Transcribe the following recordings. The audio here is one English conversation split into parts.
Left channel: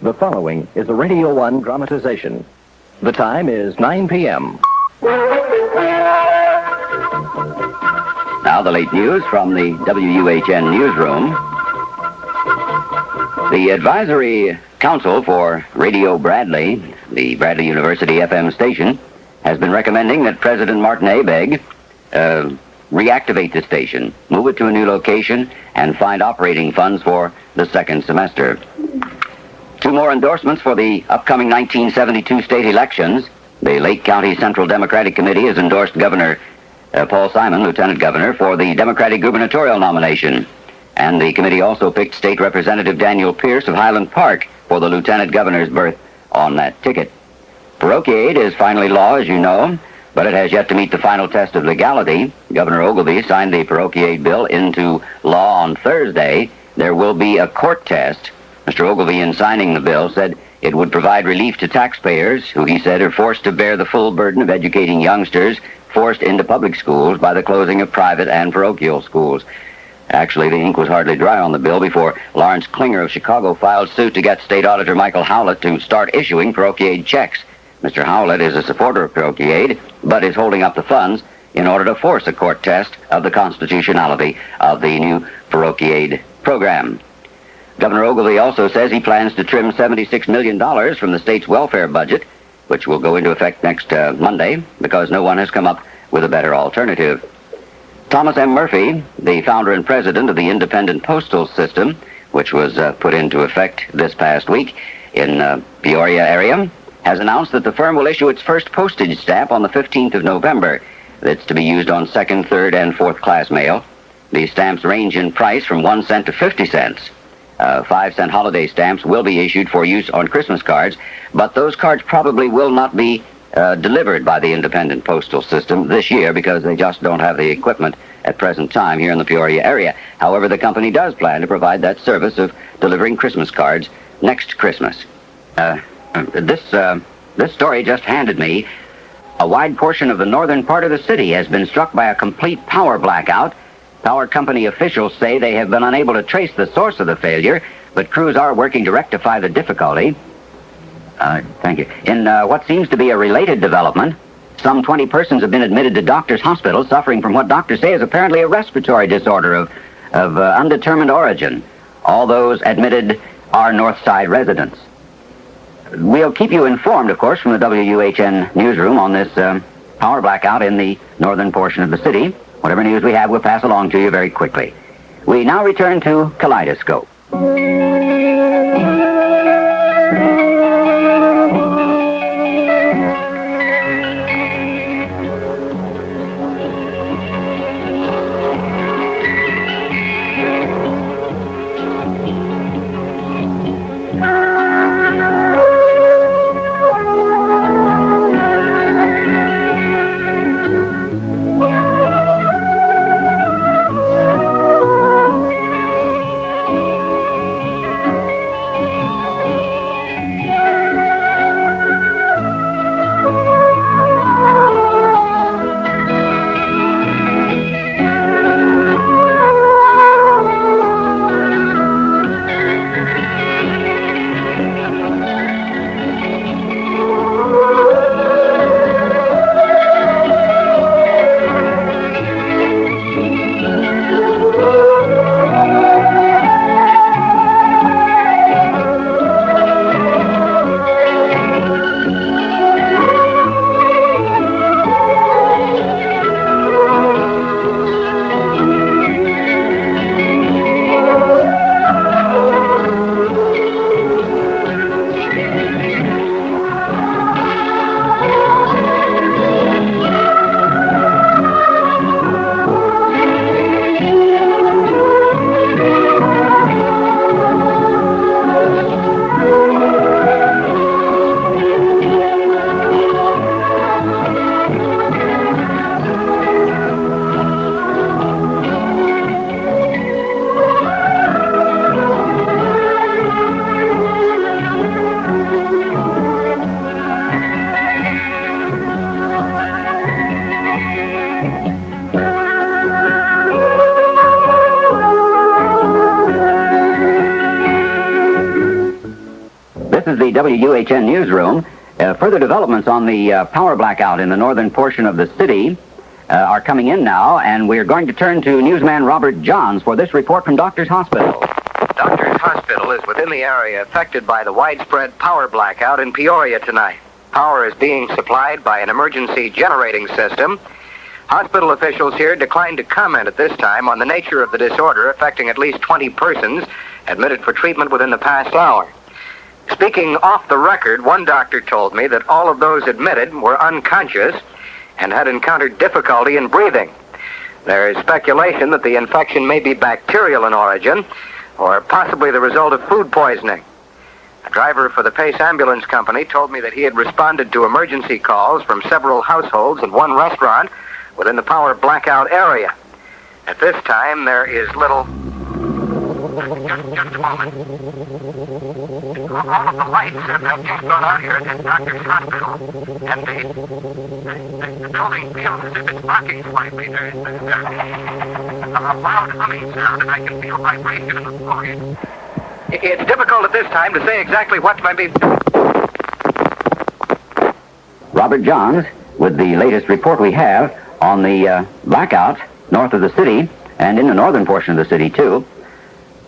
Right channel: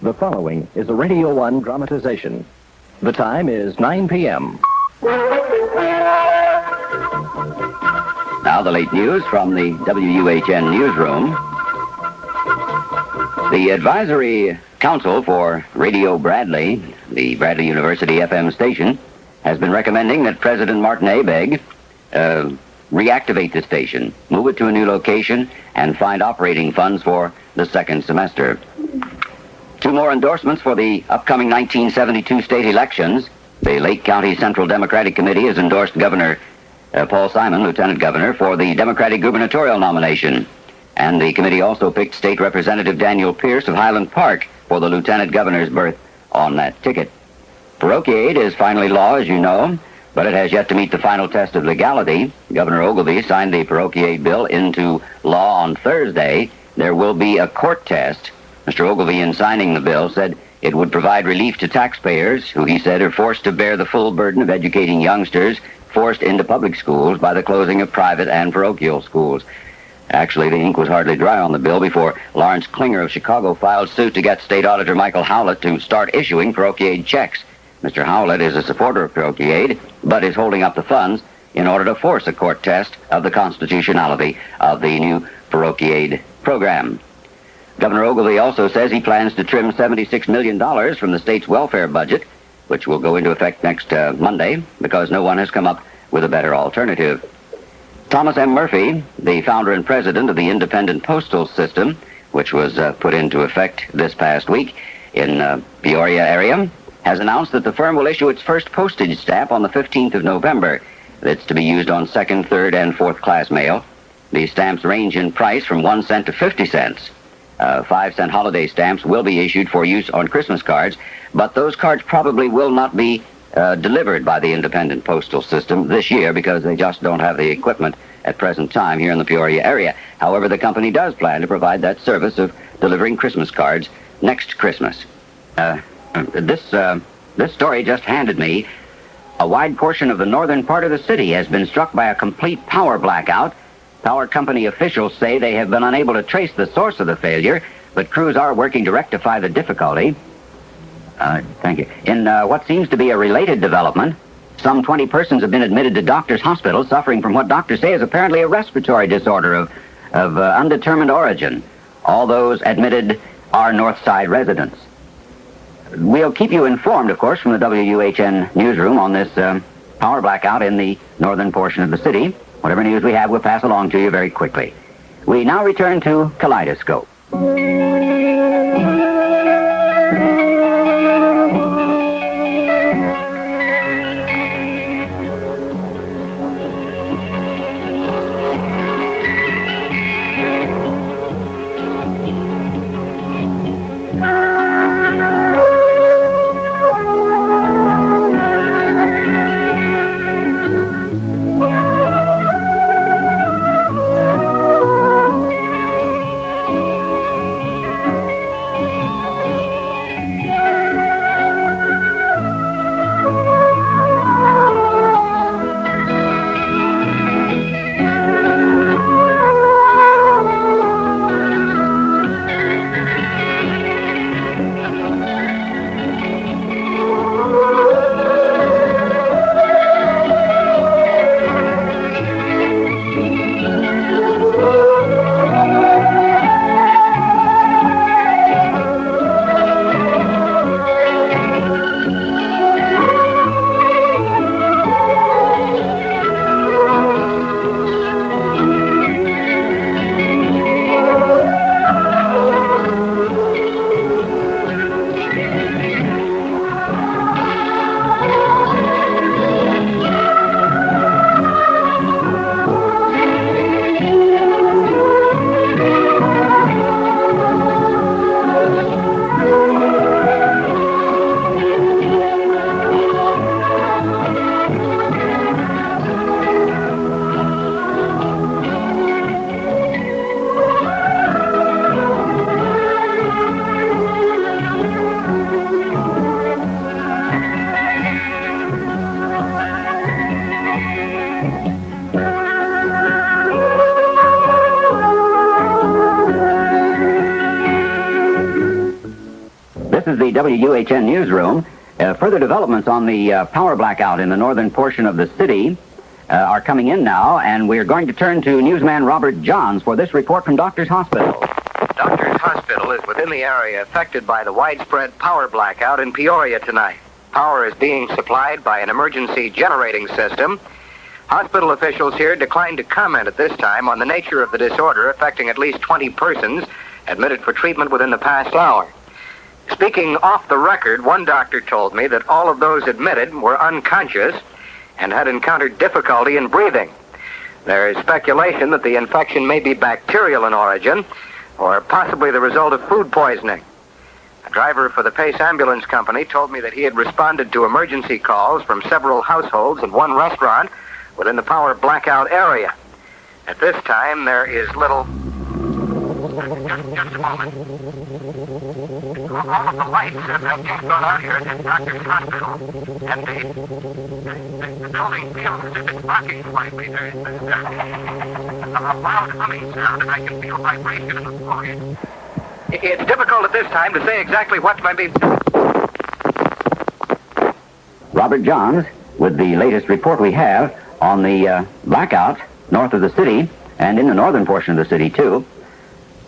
The following is a Radio 1 dramatization. The time is 9 p.m. Now the late news from the WUHN newsroom. The Advisory Council for Radio Bradley, the Bradley University FM station, has been recommending that President Martin Abegg reactivate the station, move it to a new location, and find operating funds for the second semester. Two more endorsements for the upcoming 1972 state elections. The Lake County Central Democratic Committee has endorsed Governor Paul Simon, Lieutenant Governor, for the Democratic gubernatorial nomination. And the committee also picked State Representative Daniel Pierce of Highland Park for the Lieutenant Governor's berth on that ticket. Parochiaid is finally law, as you know, but it has yet to meet the final test of legality. Governor Ogilvie signed the Parochiaid bill into law on Thursday. There will be a court test. Mr. Ogilvie, in signing the bill, said it would provide relief to taxpayers who, he said, are forced to bear the full burden of educating youngsters forced into public schools by the closing of private and parochial schools. Actually, the ink was hardly dry on the bill before Lawrence Klinger of Chicago filed suit to get State Auditor Michael Howlett to start issuing Parochiaid checks. Mr. Howlett is a supporter of Parochiaid, but is holding up the funds in order to force a court test of the constitutionality of the new Parochiaid program. Governor Ogilvie also says he plans to trim $76 million from the state's welfare budget, which will go into effect next Monday, because no one has come up with a better alternative. Thomas M. Murphy, the founder and president of the independent postal system, which was put into effect this past week in Peoria area, has announced that the firm will issue its first postage stamp on the 15th of November. That's to be used on second, third, and fourth class mail. These stamps range in price from 1 cent to 50 cents. 5-cent holiday stamps will be issued for use on Christmas cards, but those cards probably will not be delivered by the independent postal system this year because they just don't have the equipment at present time here in the Peoria area. However, the company does plan to provide that service of delivering Christmas cards next Christmas. This story just handed me. A wide portion of the northern part of the city has been struck by a complete power blackout. Power company officials say they have been unable to trace the source of the failure, but crews are working to rectify the difficulty. Thank you. In what seems to be a related development, some 20 persons have been admitted to Doctors Hospital suffering from what doctors say is apparently a respiratory disorder of undetermined origin. All those admitted are North Side residents. We'll keep you informed, of course, from the WUHN newsroom on this power blackout in the northern portion of the city. Whatever news we have, we'll pass along to you very quickly. We now return to Kaleidoscope. This is the WUHN newsroom. Further developments on the power blackout in the northern portion of the city are coming in now, and we're going to turn to newsman Robert Johns for this report from Doctors Hospital. Doctors Hospital is within the area affected by the widespread power blackout in Peoria tonight. Power is being supplied by an emergency generating system. Hospital officials here declined to comment at this time on the nature of the disorder affecting at least 20 persons admitted for treatment within the past hour. Speaking off the record, one doctor told me that all of those admitted were unconscious and had encountered difficulty in breathing. There is speculation that the infection may be bacterial in origin or possibly the result of food poisoning. A driver for the Pace Ambulance Company told me that he had responded to emergency calls from several households and one restaurant within the power blackout area. At this time, there is little... Just a moment. All of the lights have just gone out here at Doctor's Hospital. And the building feels as if it's rocking slightly. There's a loud humming sound, and I can feel vibration in the voice. It's difficult at this time to say exactly what might be... Robert Johns with the latest report we have on the blackout north of the city and in the northern portion of the city, too.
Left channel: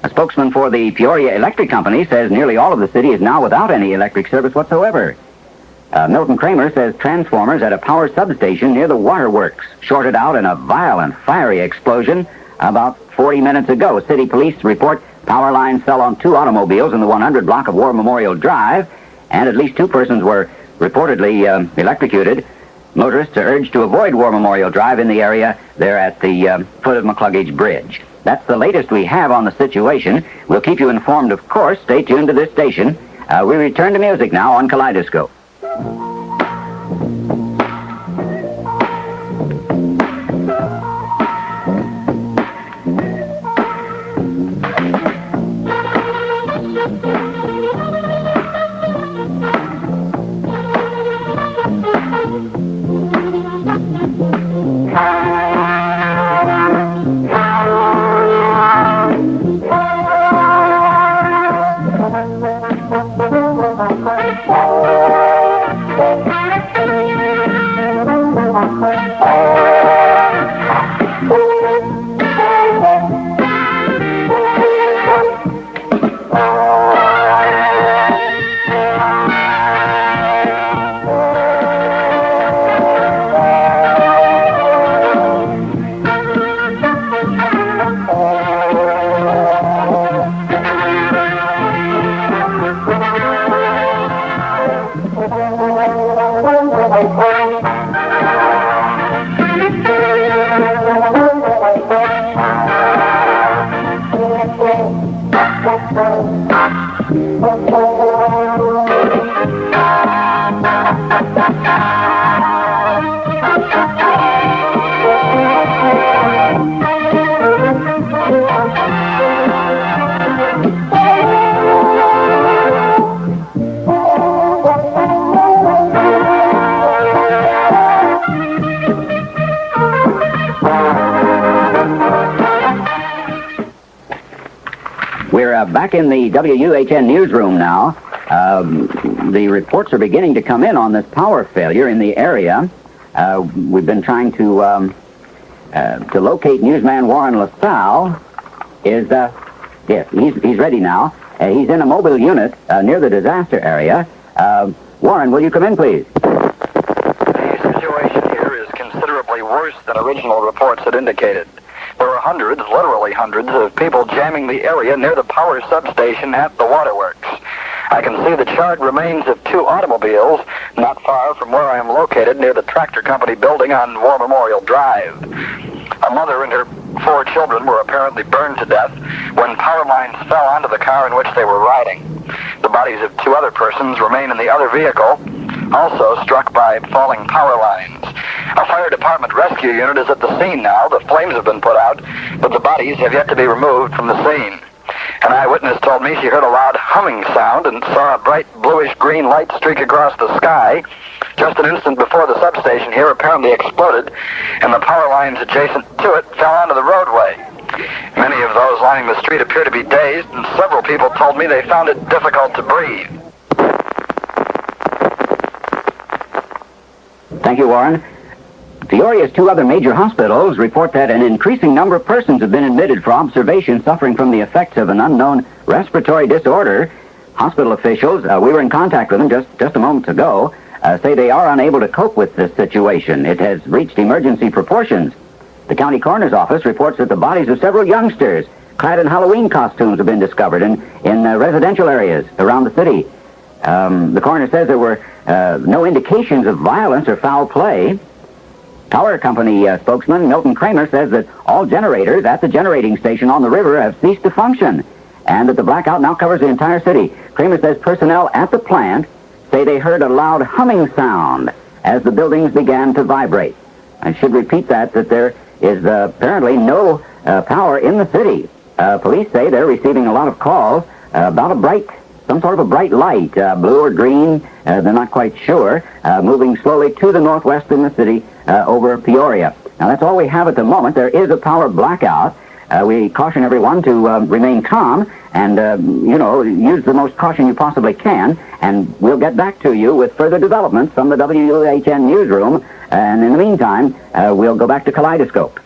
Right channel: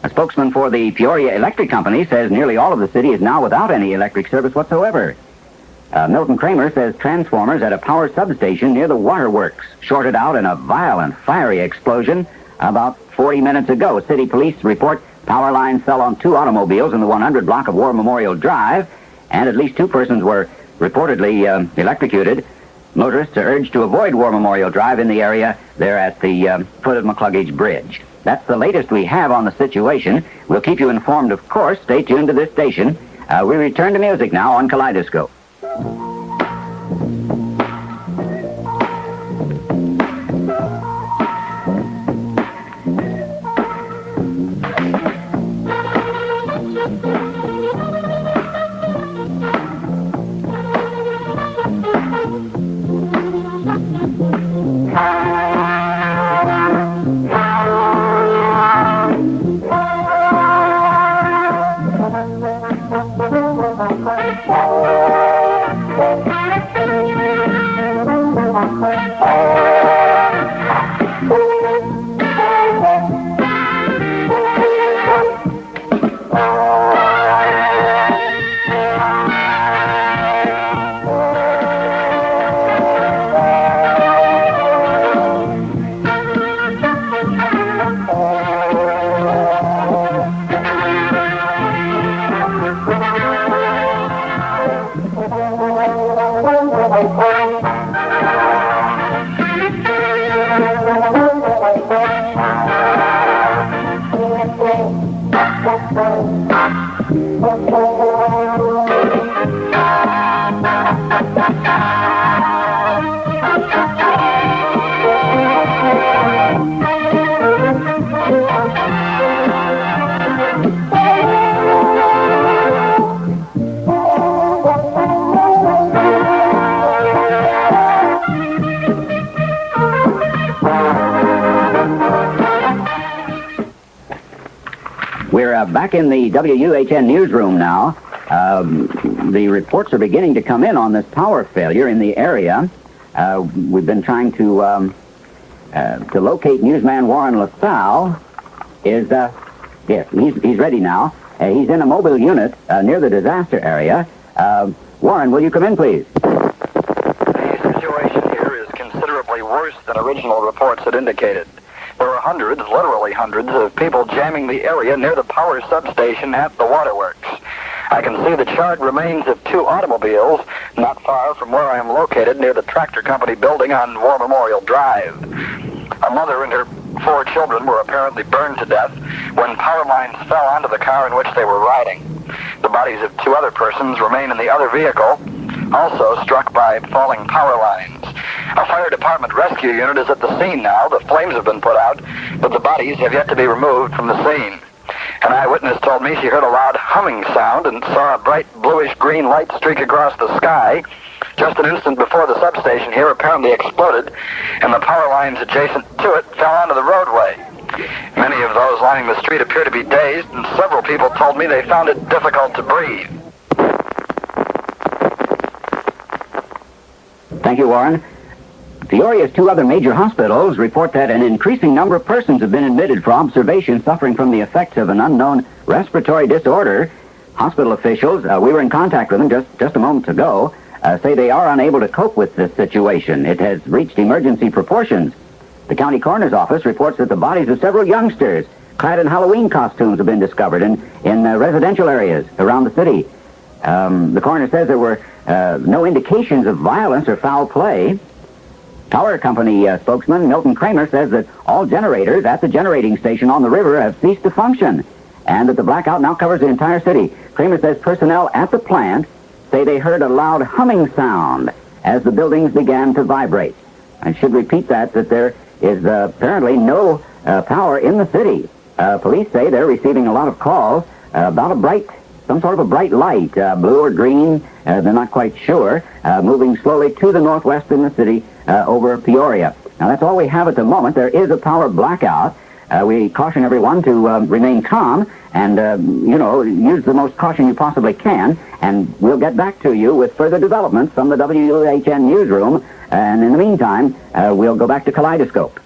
A spokesman for the Peoria Electric Company says nearly all of the city is now without any electric service whatsoever. Milton Kramer says transformers at a power substation near the waterworks shorted out in a violent, fiery explosion about 40 minutes ago. City police report power lines fell on 2 automobiles in the 100 block of War Memorial Drive, and at least 2 persons were reportedly electrocuted. Motorists are urged to avoid War Memorial Drive in the area there at the foot of McCluggage Bridge. That's the latest we have on the situation. We'll keep you informed, of course. Stay tuned to this station. We return to music now on Kaleidoscope. We're back in the WUHN newsroom now. The reports are beginning to come in on this power failure in the area. We've been trying to locate newsman Warren LaSalle. Yes, he's ready now. He's in a mobile unit near the disaster area. Warren, will you come in, please? The situation here is considerably worse than original reports had indicated. There are hundreds, literally hundreds, of people jamming the area near the power substation at the waterworks. I can see the charred remains of 2 automobiles not far from where I am located near the tractor company building on War Memorial Drive. A mother and her 4 children were apparently burned to death when power lines fell onto the car in which they were riding. The bodies of 2 other persons remain in the other vehicle, also struck by falling power lines. A fire department rescue unit is at the scene now. The flames have been put out, but the bodies have yet to be removed from the scene. An eyewitness told me she heard a loud humming sound and saw a bright bluish-green light streak across the sky just an instant before the substation here apparently exploded, and the power lines adjacent to it fell onto the roadway. Many of those lining the street appear to be dazed, and several people told me they found it difficult to breathe. Thank you, Warren. Peoria's two other major hospitals report that an increasing number of persons have been admitted for observation suffering from the effects of an unknown respiratory disorder. Hospital officials, we were in contact with them just a moment ago, say they are unable to cope with this situation. It has reached emergency proportions. The county coroner's office reports that the bodies of several youngsters clad in Halloween costumes have been discovered in residential areas around the city. The coroner says there were no indications of violence or foul play. Power company spokesman Milton Kramer says that all generators at the generating station on the river have ceased to function and that the blackout now covers the entire city. Kramer says personnel at the plant say they heard a loud humming sound as the buildings began to vibrate. I should repeat that there is apparently no power in the city. Police say they're receiving a lot of calls about some sort of a bright light, blue or green, they're not quite sure, moving slowly to the northwest in the city over Peoria. Now, that's all we have at the moment. There is a power blackout. We caution everyone to remain calm and, use the most caution you possibly can, and we'll get back to you with further developments from the WUHN newsroom, and in the meantime, we'll go back to Kaleidoscope.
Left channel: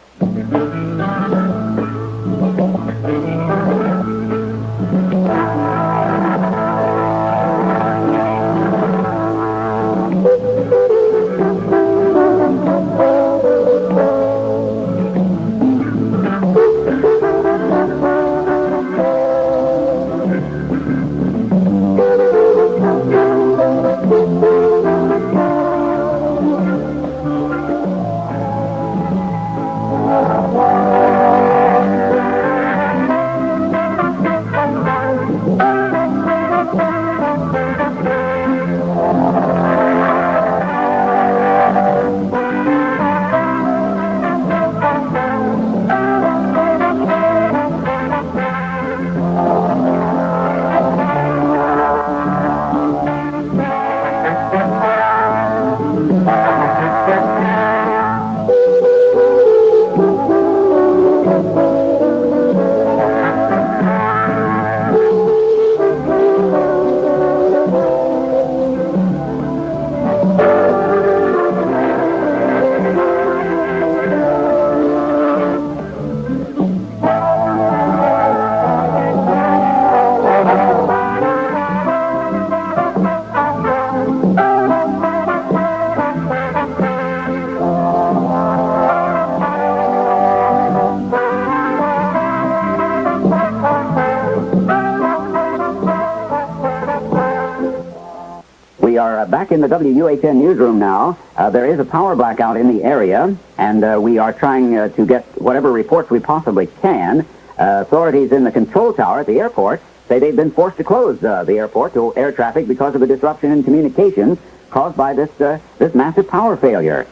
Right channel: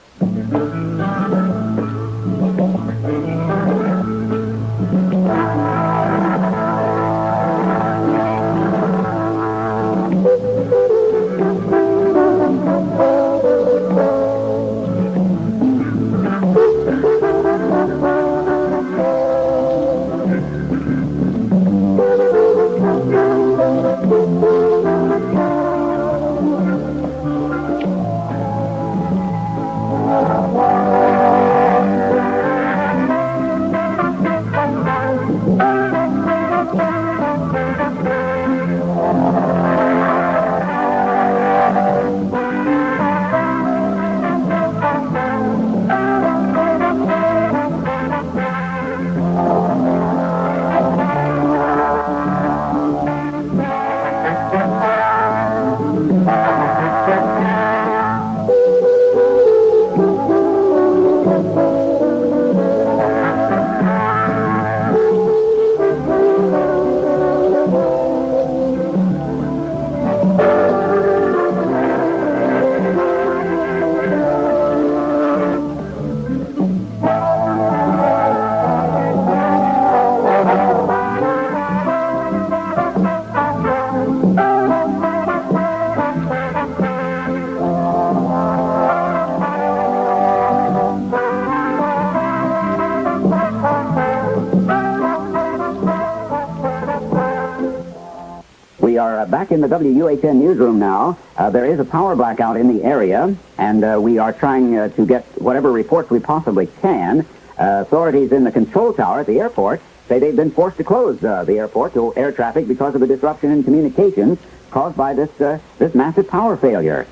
We are back in the WUHN newsroom now. There is a power blackout in the area, and we are trying to get whatever reports we possibly can. Authorities in the control tower at the airport say they've been forced to close the airport to air traffic because of a disruption in communications caused by this massive power failure.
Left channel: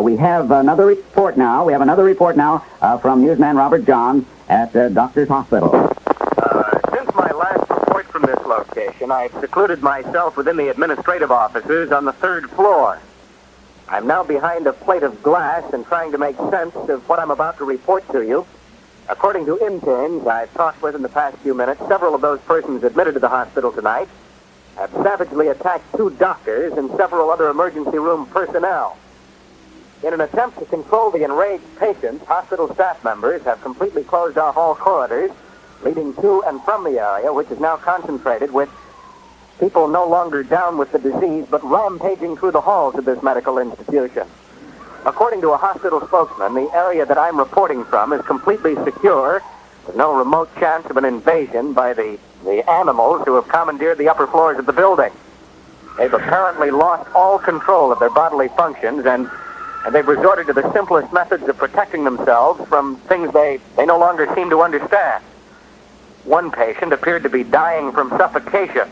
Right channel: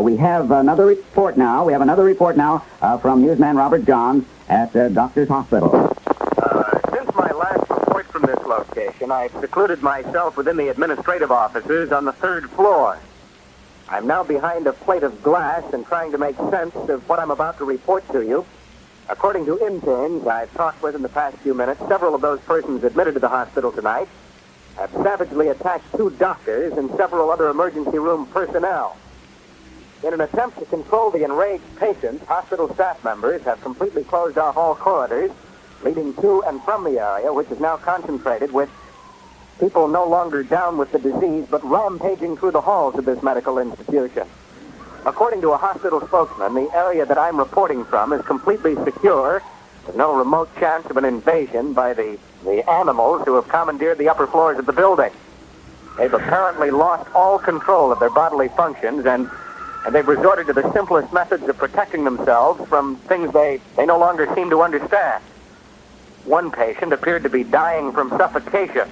We have another report now. From newsman Robert Johns at Doctor's Hospital. Since my last report from this location, I've secluded myself within the administrative offices on the third floor. I'm now behind a plate of glass and trying to make sense of what I'm about to report to you. According to interns I've talked with in the past few minutes, several of those persons admitted to the hospital tonight have savagely attacked two doctors and several other emergency room personnel. In an attempt to control the enraged patients, hospital staff members have completely closed off all corridors leading to and from the area, which is now concentrated with people no longer down with the disease, but rampaging through the halls of this medical institution. According to a hospital spokesman, the area that I'm reporting from is completely secure. There's no remote chance of an invasion by the animals who have commandeered the upper floors of the building. They've apparently lost all control of their bodily functions, and they've resorted to the simplest methods of protecting themselves from things they no longer seem to understand. One patient appeared to be dying from suffocation.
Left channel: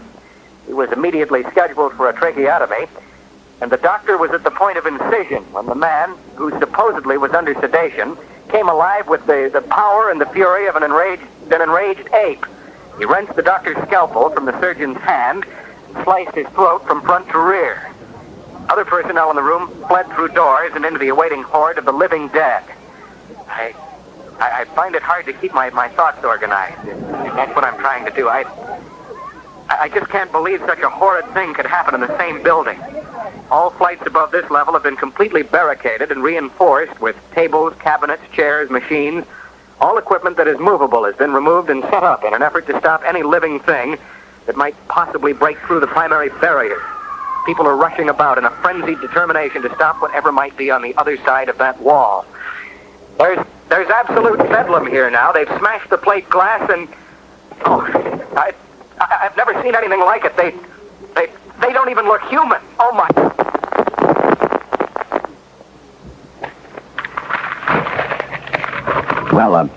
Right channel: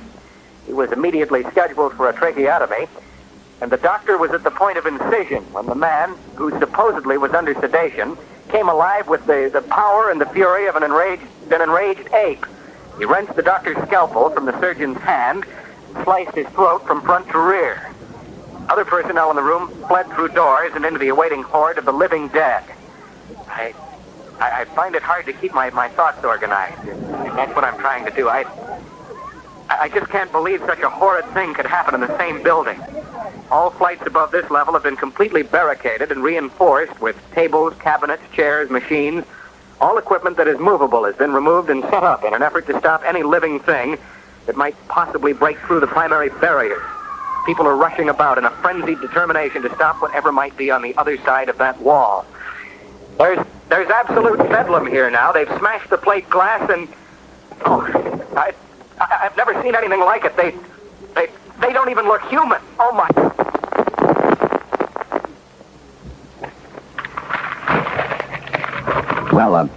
He was immediately scheduled for a tracheotomy, and the doctor was at the point of incision when the man, who supposedly was under sedation, came alive with the power and the fury of an enraged ape. He wrenched the doctor's scalpel from the surgeon's hand and sliced his throat from front to rear. Other personnel in the room fled through doors and into the awaiting horde of the living dead. I find it hard to keep my thoughts organized. That's what I'm trying to do. I I just can't believe such a horrid thing could happen in the same building. All flights above this level have been completely barricaded and reinforced with tables, cabinets, chairs, machines. All equipment that is movable has been removed and set up in an effort to stop any living thing that might possibly break through the primary barriers. People are rushing about in a frenzied determination to stop whatever might be on the other side of that wall. There's absolute bedlam here now. They've smashed the plate glass and... Oh, I've never seen anything like it. They don't even look human. Oh, my... Well,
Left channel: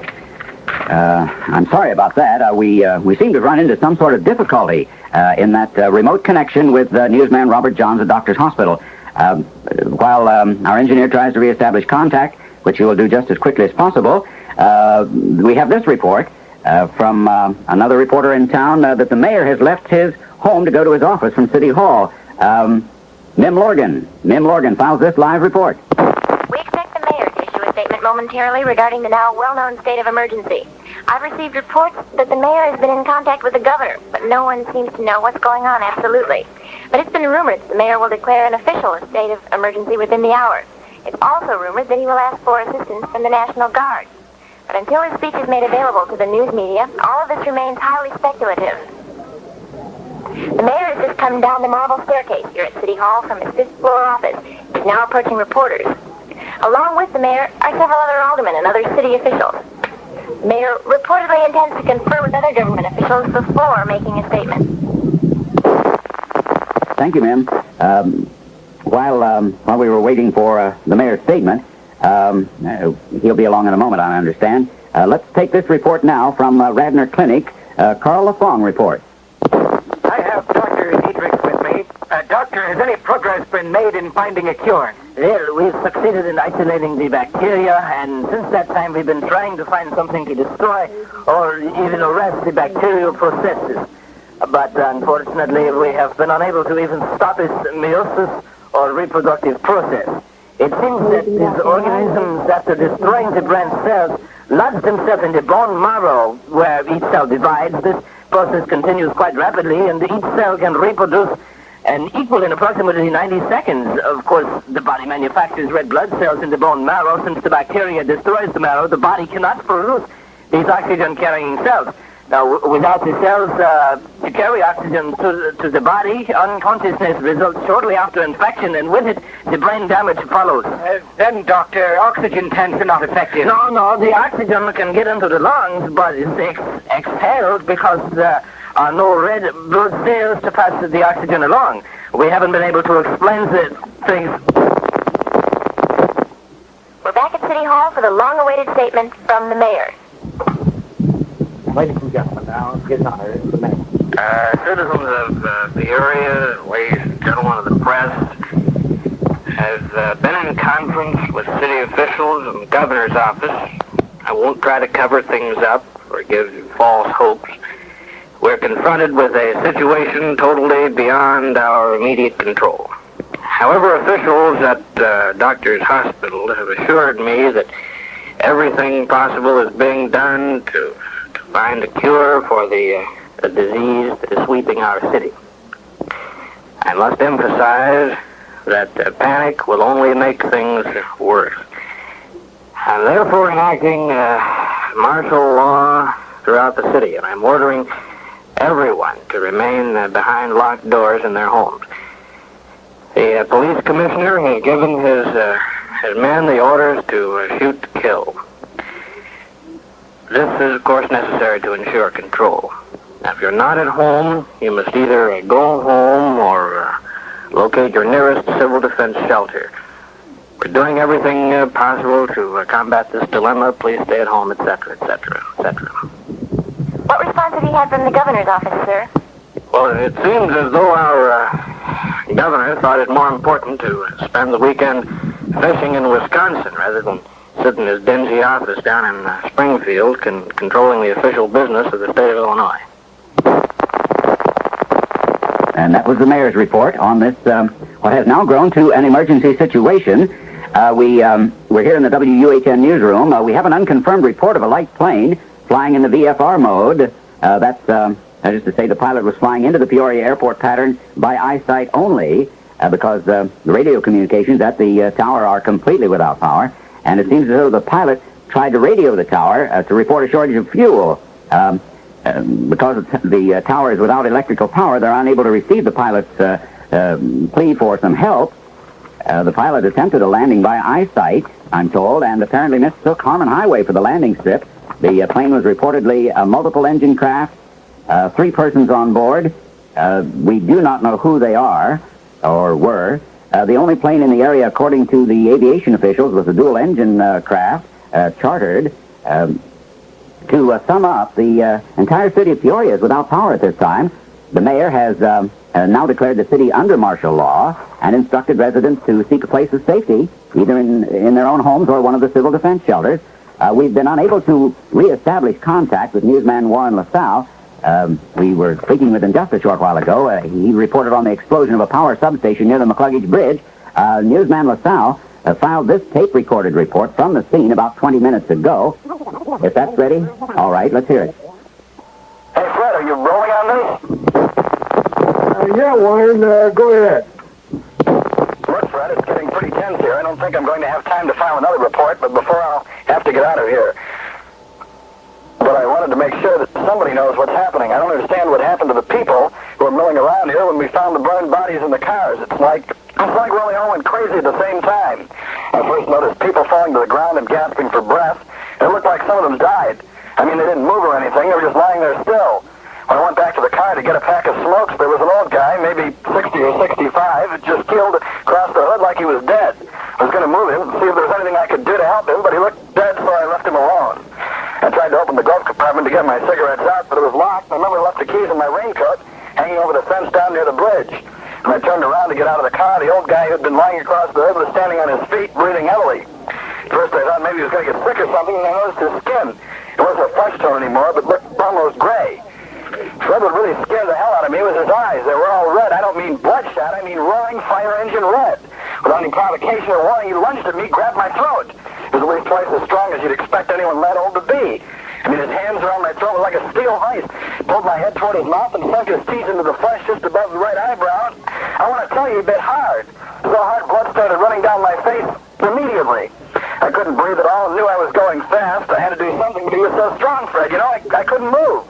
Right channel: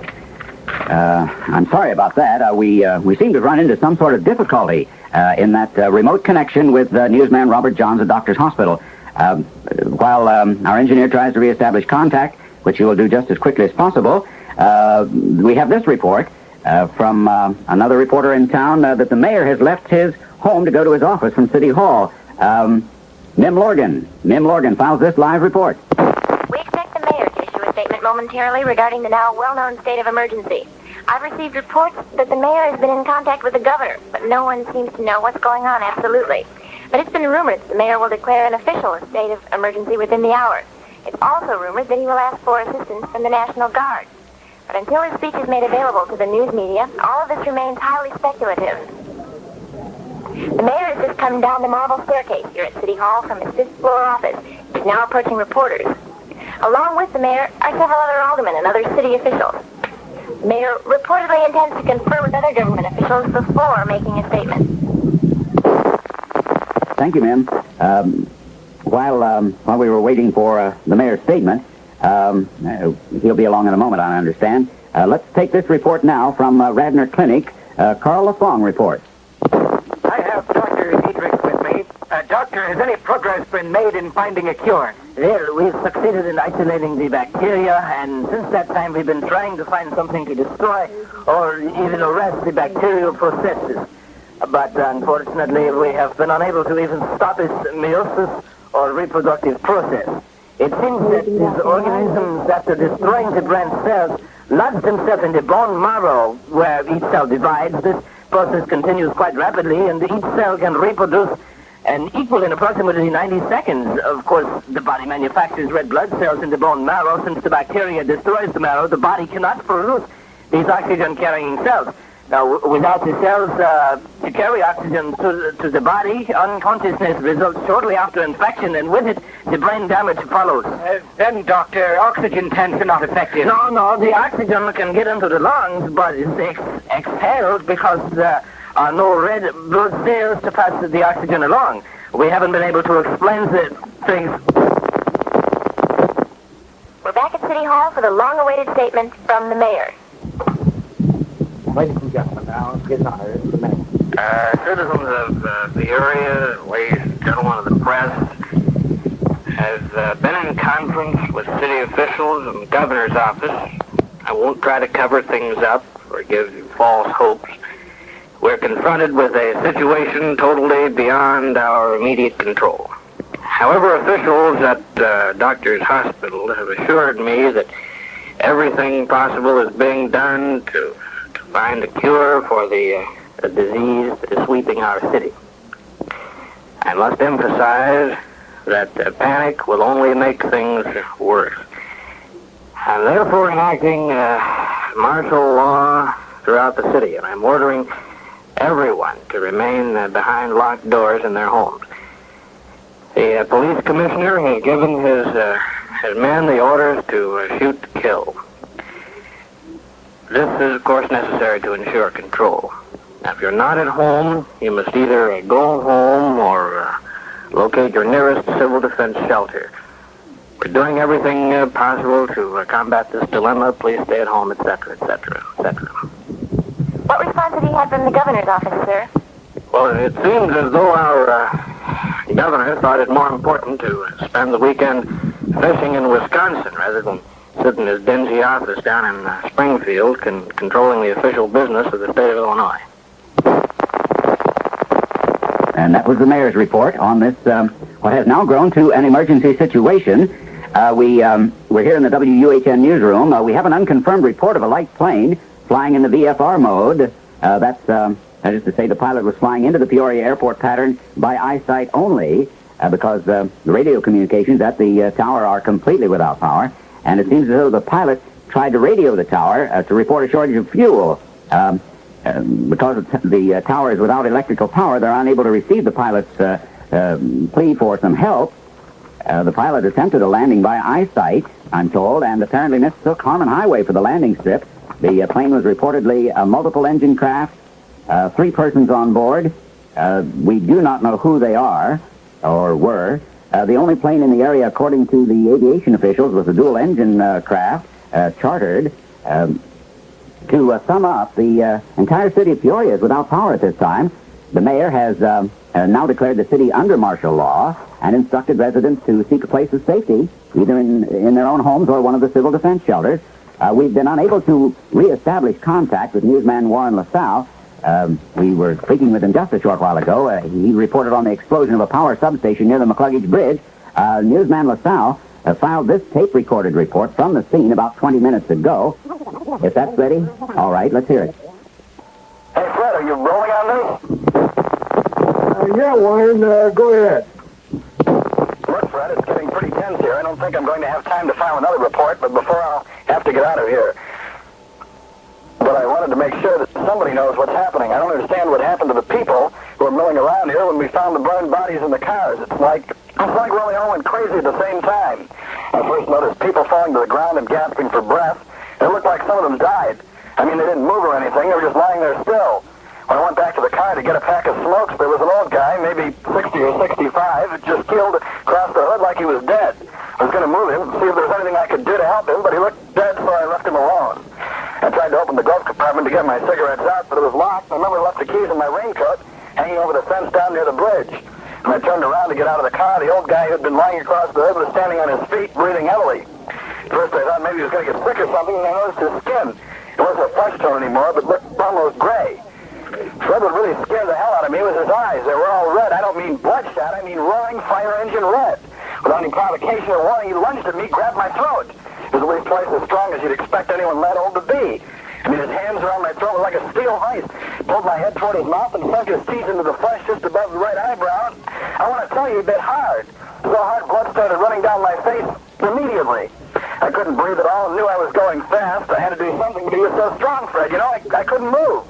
I'm sorry about that. We seem to run into some sort of difficulty in that remote connection with newsman Robert Johns at Doctor's Hospital. While our engineer tries to reestablish contact, which he will do just as quickly as possible, we have this report from another reporter in town that the mayor has left his home to go to his office from City Hall. Mim Lorgan files this live report. We expect the mayor to issue a statement momentarily regarding the now well-known state of emergency. I've received reports that the mayor has been in contact with the governor, but no one seems to know what's going on absolutely. But it's been rumored that the mayor will declare an official state of emergency within the hour. It's also rumored that he will ask for assistance from the National Guard. But until his speech is made available to the news media, all of this remains highly speculative. The mayor has just come down the marble staircase here at City Hall from his fifth-floor office. He's now approaching reporters. Along with the mayor are several other aldermen and other city officials. The mayor reportedly intends to confer with other government officials before making a statement. Thank you, Mim. While we were waiting for the mayor's statement, he'll be along in a moment, I understand. Let's take this report now from Radnor Clinic. Carl LaFong reports. I have Dr. Dietrich with me. Doctor, has any progress been made in finding a cure? Well, we've succeeded in isolating the bacteria, and since that time we've been trying to find something to destroy or even arrest the bacterial processes. But unfortunately, we have been unable to even stop its meiosis or reproductive process. It seems that these organisms, after destroying the branch cells, lodge themselves in the bone marrow, where each cell divides. This process continues quite rapidly, and each cell can reproduce and equal in approximately 90 seconds. Of course, the body manufactures red blood cells in the bone marrow. Since the bacteria destroys the marrow, the body cannot produce these oxygen-carrying cells. Now, without the cells to carry oxygen to the body, unconsciousness results shortly after infection, and with it, the brain damage follows. Then, Doctor, oxygen tanks are not effective. No, the oxygen can get into the lungs, but it's exhaled because there are no red blood cells to pass the oxygen along. We haven't been able to explain the things. We're back at City Hall for the long-awaited statement from the mayor. Ladies and gentlemen, now, get on her. The mayor. Citizens of Peoria, ladies and gentlemen of the press, have been in conference with city officials and the governor's office. I won't try to cover things up or give you false hopes. We're confronted with a situation totally beyond our immediate control. However, officials at Doctor's Hospital have assured me that everything possible is being done to find a cure for the disease that is sweeping our city. I must emphasize that panic will only make things worse. I'm therefore enacting martial law throughout the city, and I'm ordering everyone to remain behind locked doors in their homes. The police commissioner has given his men the orders to shoot to kill. This is, of course, necessary to ensure control. Now, if you're not at home, you must either go home or locate your nearest civil defense shelter. We're doing everything possible to combat this dilemma. Please stay at home, etc., etc., etc. What response have you had from the governor's office, sir? Well, it seems as though our governor thought it more important to spend the weekend fishing in Wisconsin rather than sit in his dingy office down in Springfield controlling the official business of the state of Illinois. And that was the mayor's report on this, what has now grown to an emergency situation. We're here in the WUHN newsroom. We have an unconfirmed report of a light plane flying in the VFR mode. That's That is to say, the pilot was flying into the Peoria airport pattern by eyesight only, because the radio communications at the tower are completely without power, and it seems as though the pilot tried to radio the tower to report a shortage of fuel. Because the tower is without electrical power, they're unable to receive the pilot's plea for some help. The pilot attempted a landing by eyesight, I'm told, and apparently mistook Harmon Highway for the landing strip. The plane was reportedly a multiple-engine craft, 3 persons on board. We do not know who they are, or were. The only plane in the area, according to the aviation officials, was a dual-engine craft, chartered. To sum up, the entire city of Peoria is without power at this time. The mayor has now declared the city under martial law and instructed residents to seek a place of safety, either in their own homes or one of the civil defense shelters. We've been unable to reestablish contact with newsman Warren LaSalle. We were speaking with him just a short while ago. He reported on the explosion of a power substation near the McCluggage Bridge. Newsman LaSalle filed this tape-recorded report from the scene about 20 minutes ago. If that's ready, all right, let's hear it. Hey, Fred, are you rolling on me? Yeah, Warren, go ahead. Look, Fred, it's getting pretty tense here. I don't think I'm going to have time to file another report, but before I'll have to get out of here. But I wanted to make sure that somebody knows what's happening. I don't understand what happened to the people who were milling around here when we found the burned bodies in the cars. It's like Willie all went crazy at the same time. I first noticed people falling to the ground and gasping for breath. It looked like some of them died. I mean, they didn't move or anything. They were just lying there still. When I went back to the car to get a pack of smokes, there was an old guy, maybe 60 or 65, just keeled across the hood like he was dead. I was going to move him and see if there was anything I could do to help him, but he looked dead, so I left him alone. I tried to open the glove compartment to get my cigarettes out, but it was locked. I remember I left the keys in my raincoat hanging over the fence down near the bridge. When I turned around to get out of the car, the old guy who had been lying across the hood was standing on his feet, breathing heavily. At first I thought maybe he was going to get sick or something, and I noticed his skin. It wasn't a flesh tone anymore, but looked almost gray. What would really scare the hell out of me was his eyes. They were all red. I don't mean bloodshot. I mean roaring fire engine red. Without any provocation or warning, he lunged at me, grabbed my throat. It was at least twice as strong as you'd expect anyone that old to be. I mean, his hands around my throat were like a steel vice. He pulled my head toward his mouth and sunk his teeth into the flesh just above the right eyebrow. I want to tell you, he bit hard. So hard, blood started running down my face immediately. I couldn't breathe at all and knew I was going fast. I had to do something, but he was so strong, Fred. You know, I couldn't move.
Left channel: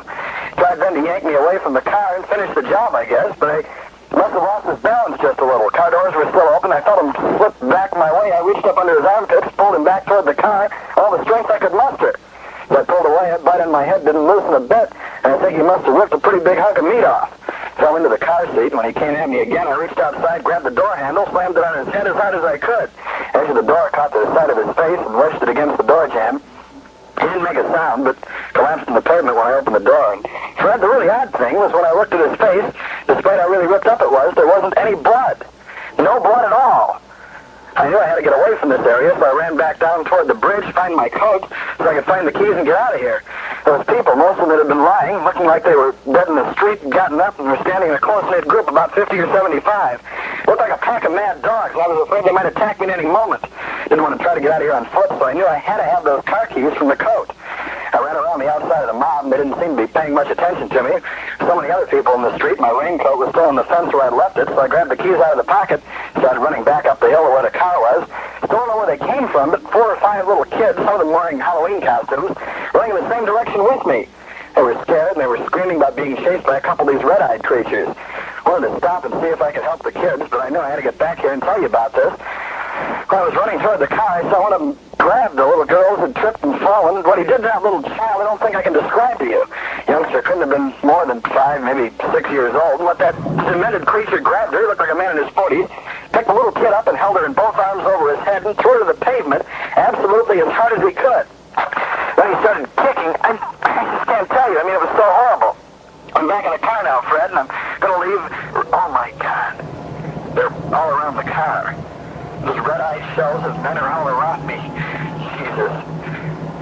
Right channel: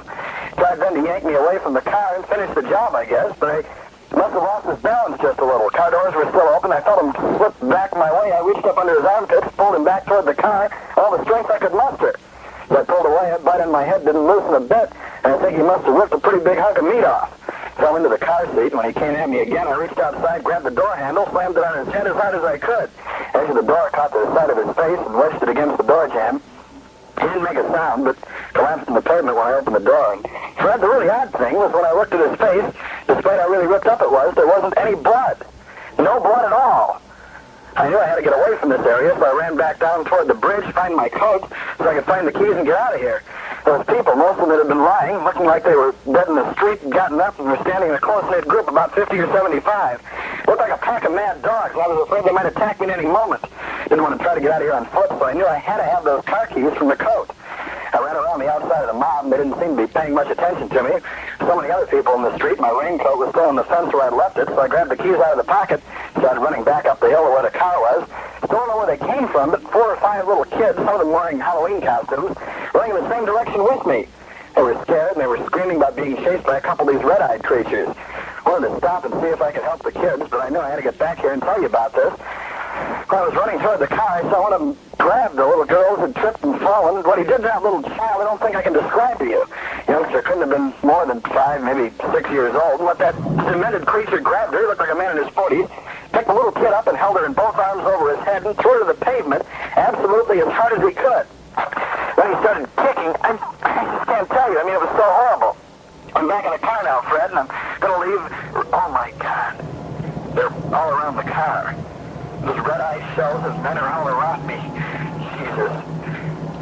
Tried then to yank me away from the car and finish the job, I guess, but I must have lost his balance just a little. Car doors were still open. I felt him slip back my way. I reached up under his armpits, pulled him back toward the car, all the strength I could muster. As I pulled away, a butt in my head didn't loosen a bit, and I think he must have ripped a pretty big hunk of meat off. Fell into the car seat, and when he came at me again, I reached outside, grabbed the door handle, slammed it on his head as hard as I could. Edge of the door caught the side of his face and wedged it against the door jamb. He didn't make a sound, but collapsed in the pavement when I opened the door. And Fred, the really odd thing was when I looked at his face, despite how really ripped up it was, there wasn't any blood. No blood at all. I knew I had to get away from this area, so I ran back down toward the bridge, find my coat, so I could find the keys and get out of here. Those people, most of them had been lying, looking like they were dead in the street, and gotten up and were standing in a close-knit group, about 50 or 75. Looked like a pack of mad dogs, and I was afraid they might attack me at any moment. Didn't want to try to get out of here on foot, so I knew I had to have those car keys from the coat. I ran around the outside of the mob, and they didn't seem to be paying much attention to me. So many other people in the street, my raincoat was still on the fence where I'd left it, so I grabbed the keys out of the pocket, started running back up the hill to where the car was. Still don't know where they came from, but 4 or 5 little kids, some of them wearing Halloween costumes, running in the same direction with me. They were scared, and they were screaming about being chased by a couple of these red-eyed creatures. I wanted to stop and see if I could help the kids, but I knew I had to get back here and tell you about this. When I was running toward the car, I saw one of them grab the little girls who had tripped and fallen. What he did to that little child, I don't think I can describe to you. Youngster couldn't have been more than 5, maybe 6 years old. And what that cemented creature grabbed her, he looked like a man in his 40s, picked the little kid up and held her in both arms over his head and threw her to the pavement absolutely as hard as he could. Then he started kicking. I just can't tell you. I mean, it was so horrible. I'm back in the car now, Fred, and I'm going to leave. Oh, my God. They're all around the car. Those red-eyed shells of men are all around me. Jesus.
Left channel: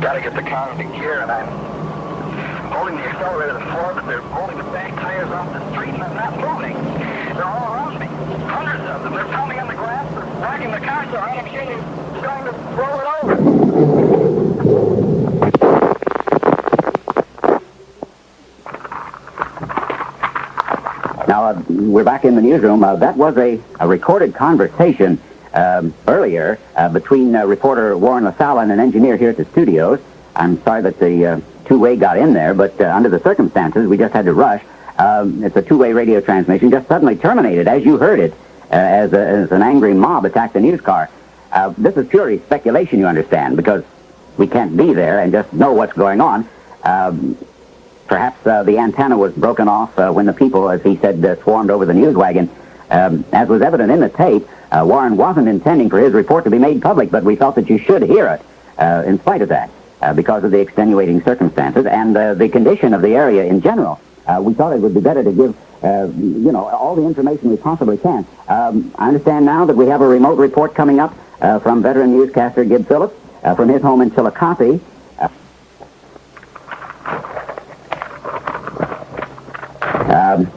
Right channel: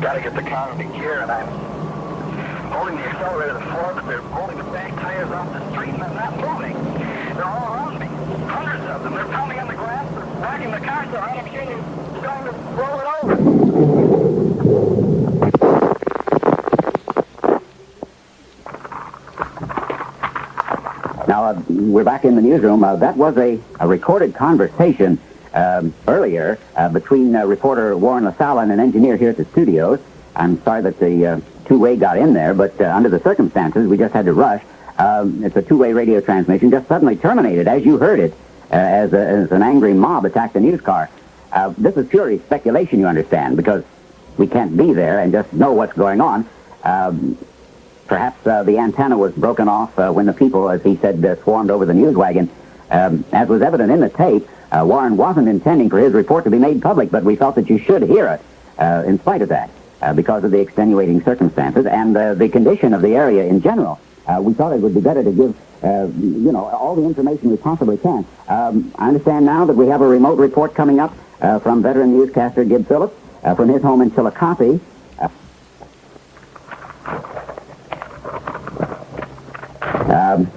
Got to get the car into gear, and I'm holding the accelerator to the floor, but they're holding the back tires off the street, and I'm not moving. They're all around me. Hundreds of them. They're pounding on the grass. They're backing the car so hard I'm sure they're going to roll it over. we're back in the newsroom. That was a recorded conversation earlier between reporter Warren LaSalle and an engineer here at the studios. I'm sorry that the two-way got in there, but under the circumstances, we just had to rush. It's a two-way radio transmission, just suddenly terminated, as you heard it, as an angry mob attacked the news car. This is purely speculation, you understand, because we can't be there and just know what's going on. Perhaps the antenna was broken off when the people, as he said, swarmed over the news wagon. As was evident in the tape, Warren wasn't intending for his report to be made public, but we felt that you should hear it in spite of that, because of the extenuating circumstances and the condition of the area in general. We thought it would be better to give, all the information we possibly can. I understand now that we have a remote report coming up from veteran newscaster Gib Phillips from his home in Chillicothe.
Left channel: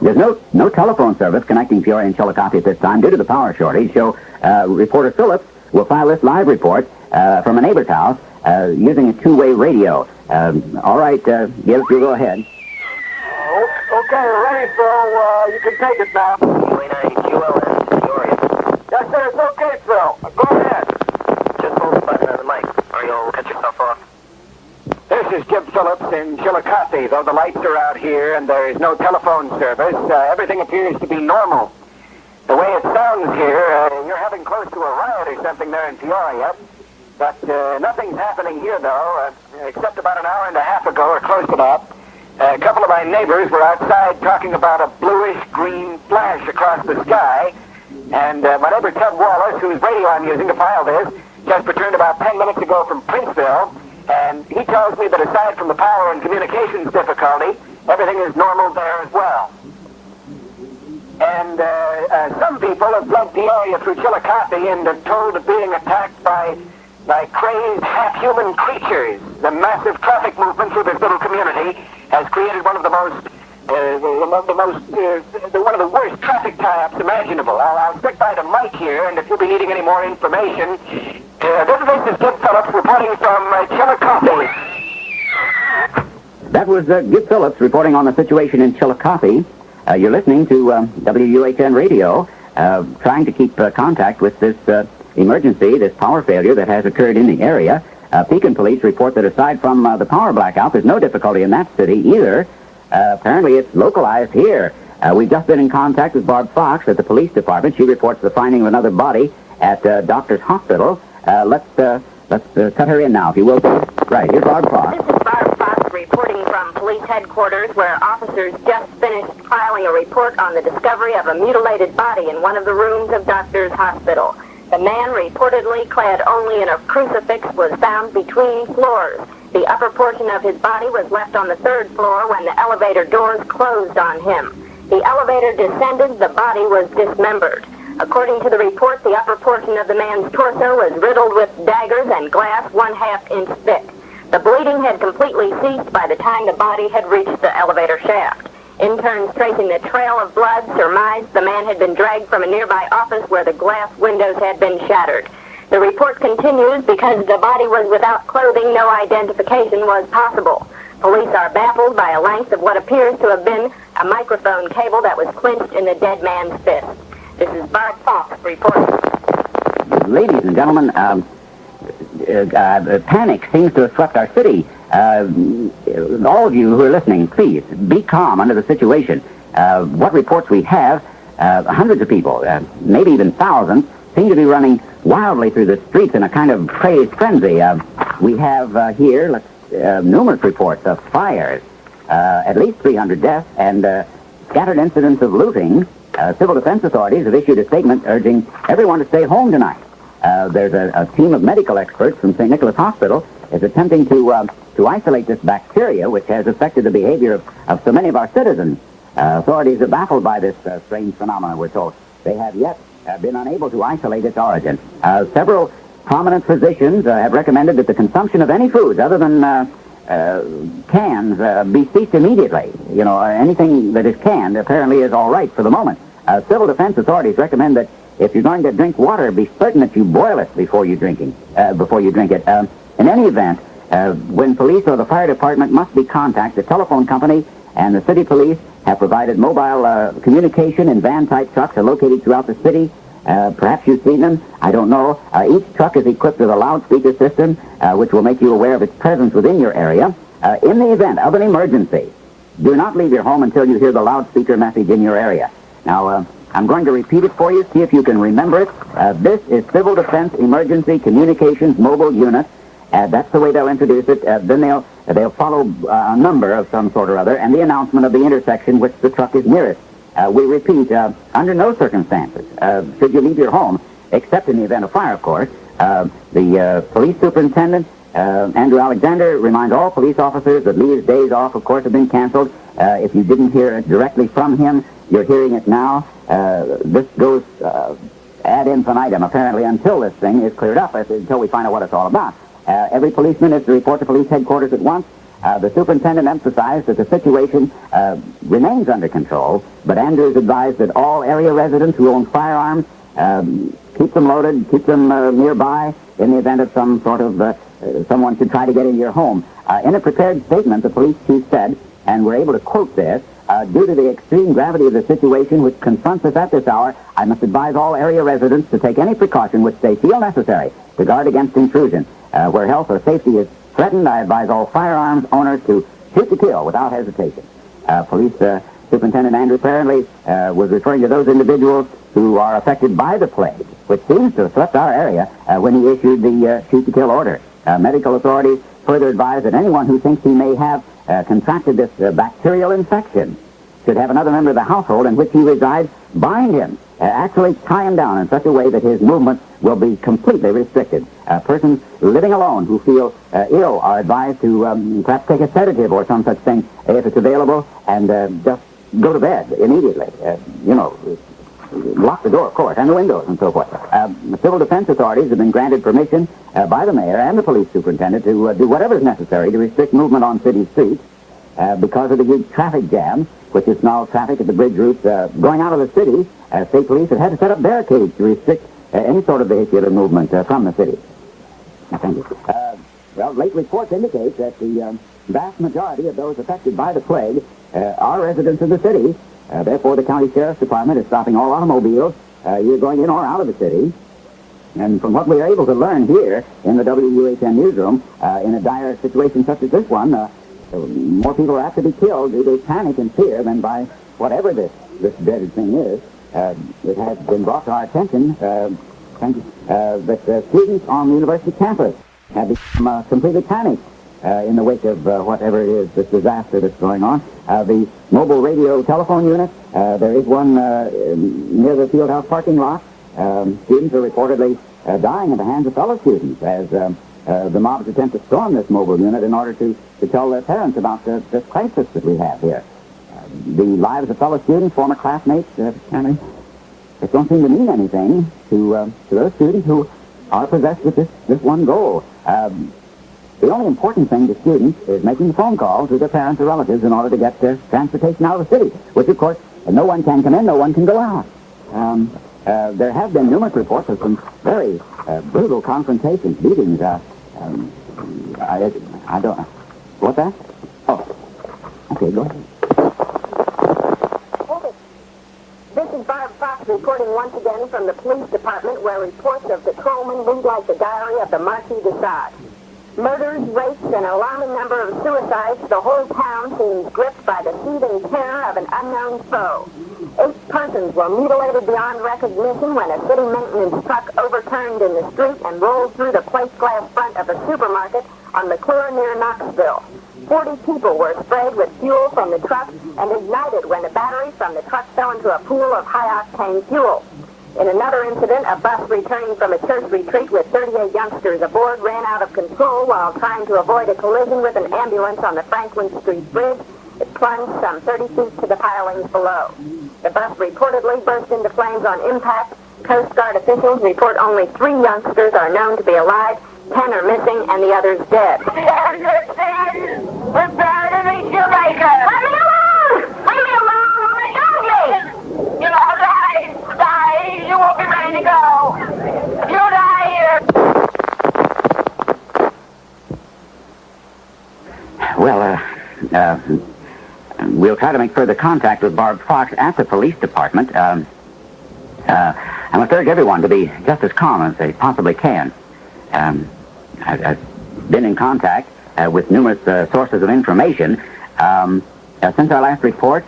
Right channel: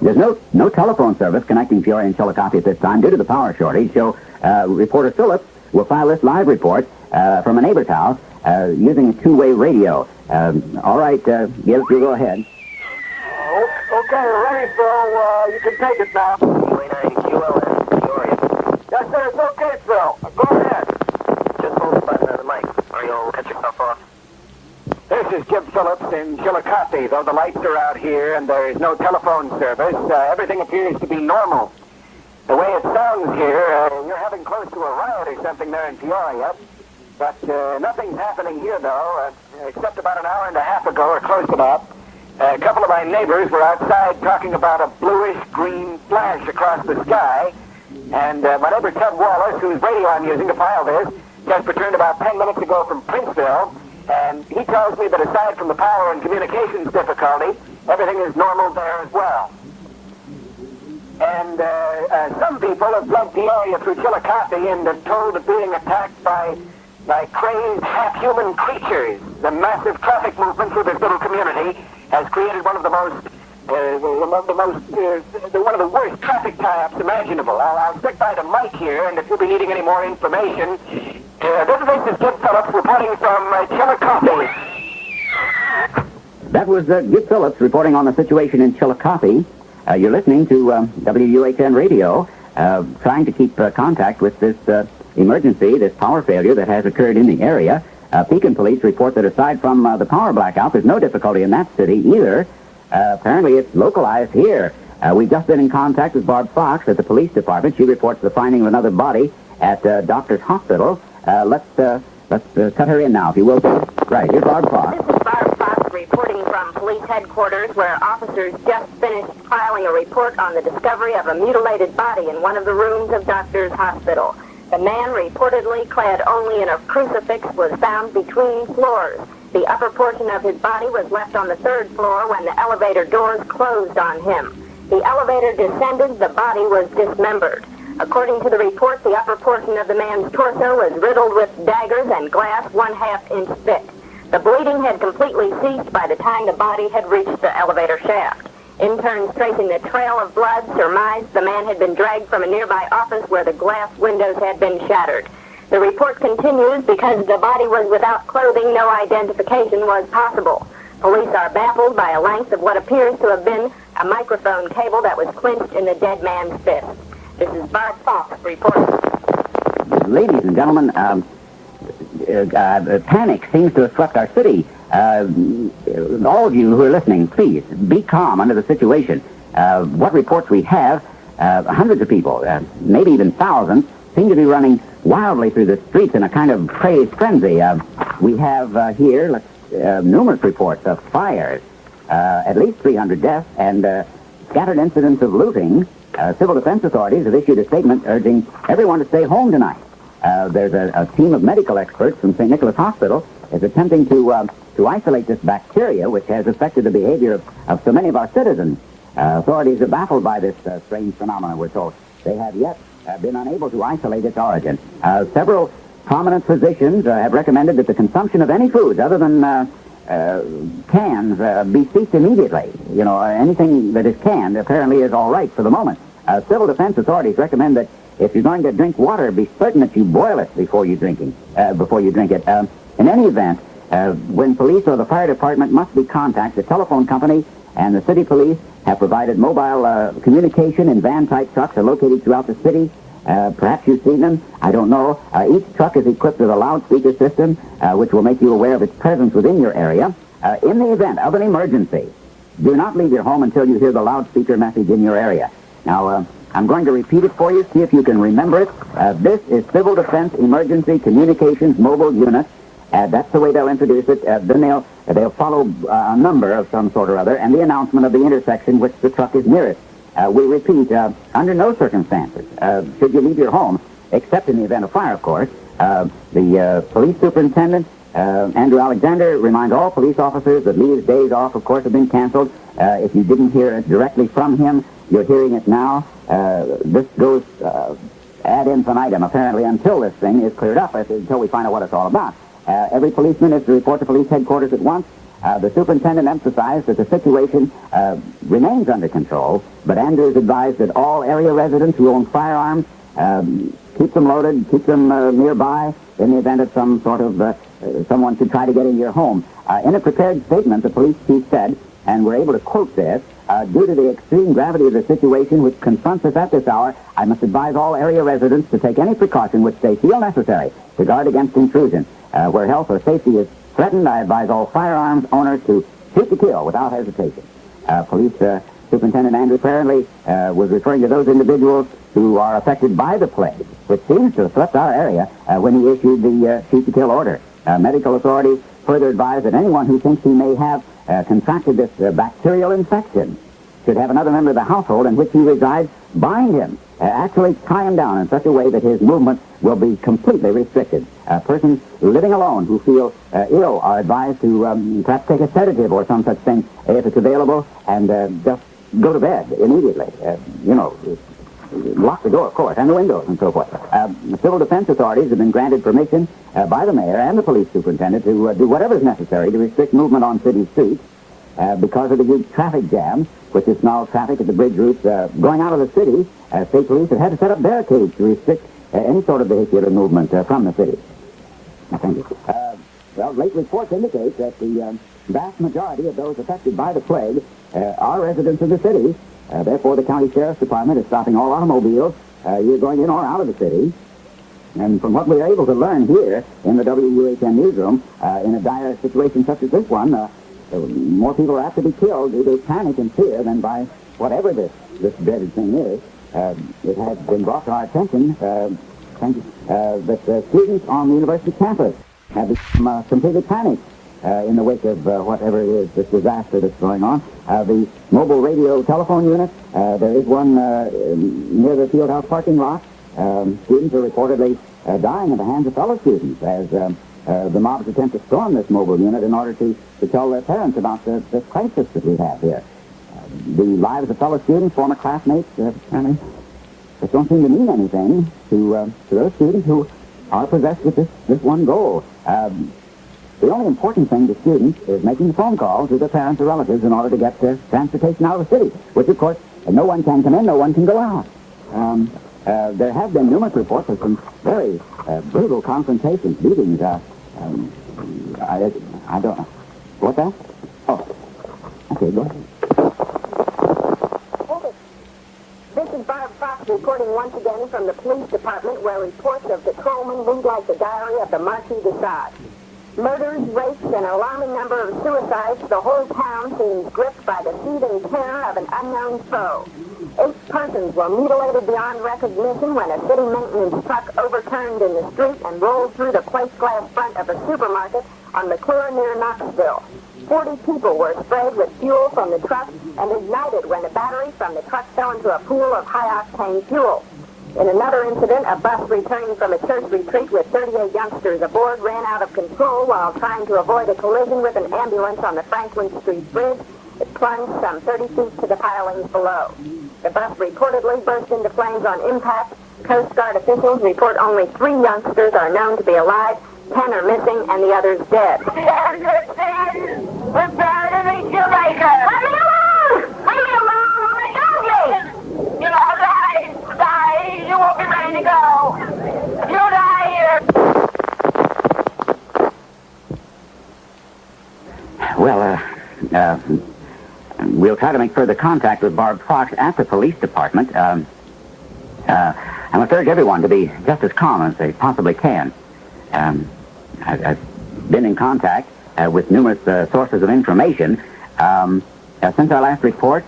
There's no telephone service connecting Peoria and Chillicothe at this time due to the power shortage, so reporter Phillips will file this live report from a neighbor's house using a two-way radio. All right, Gib, you go ahead. Okay, ready, Phil. You can take it now. UAI-QLS, Peoria. Yes, sir, it's okay, Phil. Go ahead. Just hold the button on the mic, or you'll cut yourself off. This is Gib Phillips in Chillicothe. Though the lights are out here and there is no telephone service, everything appears to be normal. The way it sounds here, you're having close to a riot or something there in Peoria. But nothing's happening here, though, except about an hour and a half ago, or close enough. A couple of my neighbors were outside talking about a bluish-green flash across the sky. And my neighbor Ted Wallace, whose radio I'm using to file this, just returned about 10 minutes ago from Princeville. And he tells me that aside from the power and communications difficulty, everything is normal there as well. And some people have fled Peoria through Chillicothe and are told of being attacked by crazed half-human creatures. The massive traffic movement through this little community has created one of the worst traffic tie-ups imaginable. I'll stick by the mic here, and if you'll be needing any more information, this is Gib Phillips reporting from Chillicothe. That was Gib Phillips reporting on the situation in Chillicothe. You're listening to WUHN Radio, trying to keep contact with this emergency, this power failure that has occurred in the area. Pekin police report that aside from the power blackout, there's no difficulty in that city either. Apparently it's localized here. We've just been in contact with Barb Fox at the police department. She reports the finding of another body at Doctor's Hospital. Let's cut her in now, if you will. Right, here's Barb Fox. This is Barb Fox reporting from police headquarters, where officers just finished filing a report on the discovery of a mutilated body in one of the rooms of Doctor's Hospital. The man, reportedly clad only in a crucifix, was found between floors. The upper portion of his body was left on the third floor when the elevator doors closed on him. The elevator descended, the body was dismembered. According to the report, the upper portion of the man's torso was riddled with daggers and glass 1/2 inch thick. The bleeding had completely ceased by the time the body had reached the elevator shaft. Interns tracing the trail of blood surmised the man had been dragged from a nearby office where the glass windows had been shattered. The report continues, because the body was without clothing, no identification was possible. Police are baffled by a length of what appears to have been a microphone cable that was clenched in the dead man's fist. This is Bart Fox reporting. Ladies and gentlemen, panic seems to have swept our city. All of you who are listening, please be calm under the situation. What reports we have, hundreds of people, maybe even thousands, seem to be running wildly through the streets in a kind of crazed frenzy. We have here numerous reports of fires, at least 300 deaths, and scattered incidents of looting. Civil defense authorities have issued a statement urging everyone to stay home tonight. There's a team of medical experts from St. Nicholas Hospital is attempting to isolate this bacteria, which has affected the behavior of so many of our citizens. Authorities are baffled by this strange phenomenon, we're told. They have yet been unable to isolate its origin. Several prominent physicians have recommended that the consumption of any foods other than cans be ceased immediately. You know, anything that is canned apparently is all right for the moment. Civil defense authorities recommend that if you're going to drink water, be certain that you boil it before you drink it. In any event, when police or the fire department must be contacted, the telephone company and the city police have provided mobile communication and van-type trucks are located throughout the city. Perhaps you've seen them. I don't know. Each truck is equipped with a loudspeaker system, which will make you aware of its presence within your area. In the event of an emergency, do not leave your home until you hear the loudspeaker message in your area. Now, I'm going to repeat it for you, see if you can remember it. This is Civil Defense Emergency Communications Mobile Unit. That's the way they'll introduce it. Then they'll follow a number of some sort or other and the announcement of the intersection which the truck is nearest. We repeat, under no circumstances should you leave your home, except in the event of fire, of course. The police superintendent, Andrew Alexander, reminds all police officers that Lee's days off, of course, have been canceled. If you didn't hear it directly from him, you're hearing it now. This goes ad infinitum, apparently, until this thing is cleared up, until we find out what it's all about. Every policeman is to report to police headquarters at once. The superintendent emphasized that the situation remains under control, but Andrews advised that all area residents who own firearms keep them loaded, keep them nearby in the event of some sort of someone should try to get into your home. In a prepared statement, the police chief said, and we're able to quote this, due to the extreme gravity of the situation which confronts us at this hour, I must advise all area residents to take any precaution which they feel necessary to guard against intrusion. Where health or safety is threatened, I advise all firearms owners to shoot to kill without hesitation. Police Superintendent Andrew apparently was referring to those individuals who are affected by the plague, which seems to have swept our area when he issued the shoot to kill order. Medical authorities further advise that anyone who thinks he may have contracted this bacterial infection should have another member of the household in which he resides bind him, actually tie him down in such a way that his movement will be completely restricted. Persons living alone who feel ill are advised to perhaps take a sedative or some such thing if it's available, and just go to bed immediately. Lock the door, of course, and the windows and so forth. The civil defense authorities have been granted permission by the mayor and the police superintendent to do whatever is necessary to restrict movement on city streets because of the huge traffic jam, which is now traffic at the bridge routes going out of the city. State police have had to set up barricades to restrict any sort of vehicular movement from the city. Thank you. Late reports indicate that the vast majority of those affected by the plague are residents of the city. Therefore, the county sheriff's department is stopping all automobiles either going in or out of the city. And from what we are able to learn here in the WUHN newsroom, in a dire situation such as this one, more people are apt to be killed due to panic and fear than by whatever this dreaded thing is. It has been brought to our attention that students on the university campus have become completely panicked in the wake of whatever it is, this disaster that's going on. The mobile radio telephone unit, there is one near the Fieldhouse parking lot. Students are reportedly dying at the hands of fellow students as the mobs attempt to storm this mobile unit in order to tell their parents about the crisis that we have here. The lives of fellow students, former classmates, it don't seem to mean anything to those students who are possessed with this one goal. The only important thing to students is making a phone call to their parents or relatives in order to get transportation out of the city, which, of course, no one can come in, no one can go out. There have been numerous reports of some very brutal confrontations, beatings. I don't... What's that? Oh. Okay, go ahead. This is Barb Fox reporting once again from the police department, where reports of patrolmen read like the diary of the Marquis de Sade. Murders, rapes, and an alarming number of suicides, the whole town seems gripped by the seething terror of an unknown foe. 8 persons were mutilated beyond recognition when a city maintenance truck overturned in the street and rolled through the plate glass front of a supermarket on McClure near Knoxville. 40 people were sprayed with fuel from the truck and ignited when a battery from the truck fell into a pool of high-octane fuel. In another incident, a bus returning from a church retreat with 38 youngsters aboard ran out of control while trying to avoid a collision with an ambulance on the Franklin Street Bridge. It plunged some 30 feet to the pilings below. The bus reportedly burst into flames on impact. Coast Guard officials report only 3 youngsters are known to be alive, 10 are missing, and the others dead. We're bound to reach Jamaica! Let me alone! Leave me alone! Let me! You know, die! You won't be ready to go! You die here! Well, we'll try to make further contact with Barb Fox at the police department. I must urge everyone to be just as calm as they possibly can. I've been in contact with numerous sources of information. Since our last report,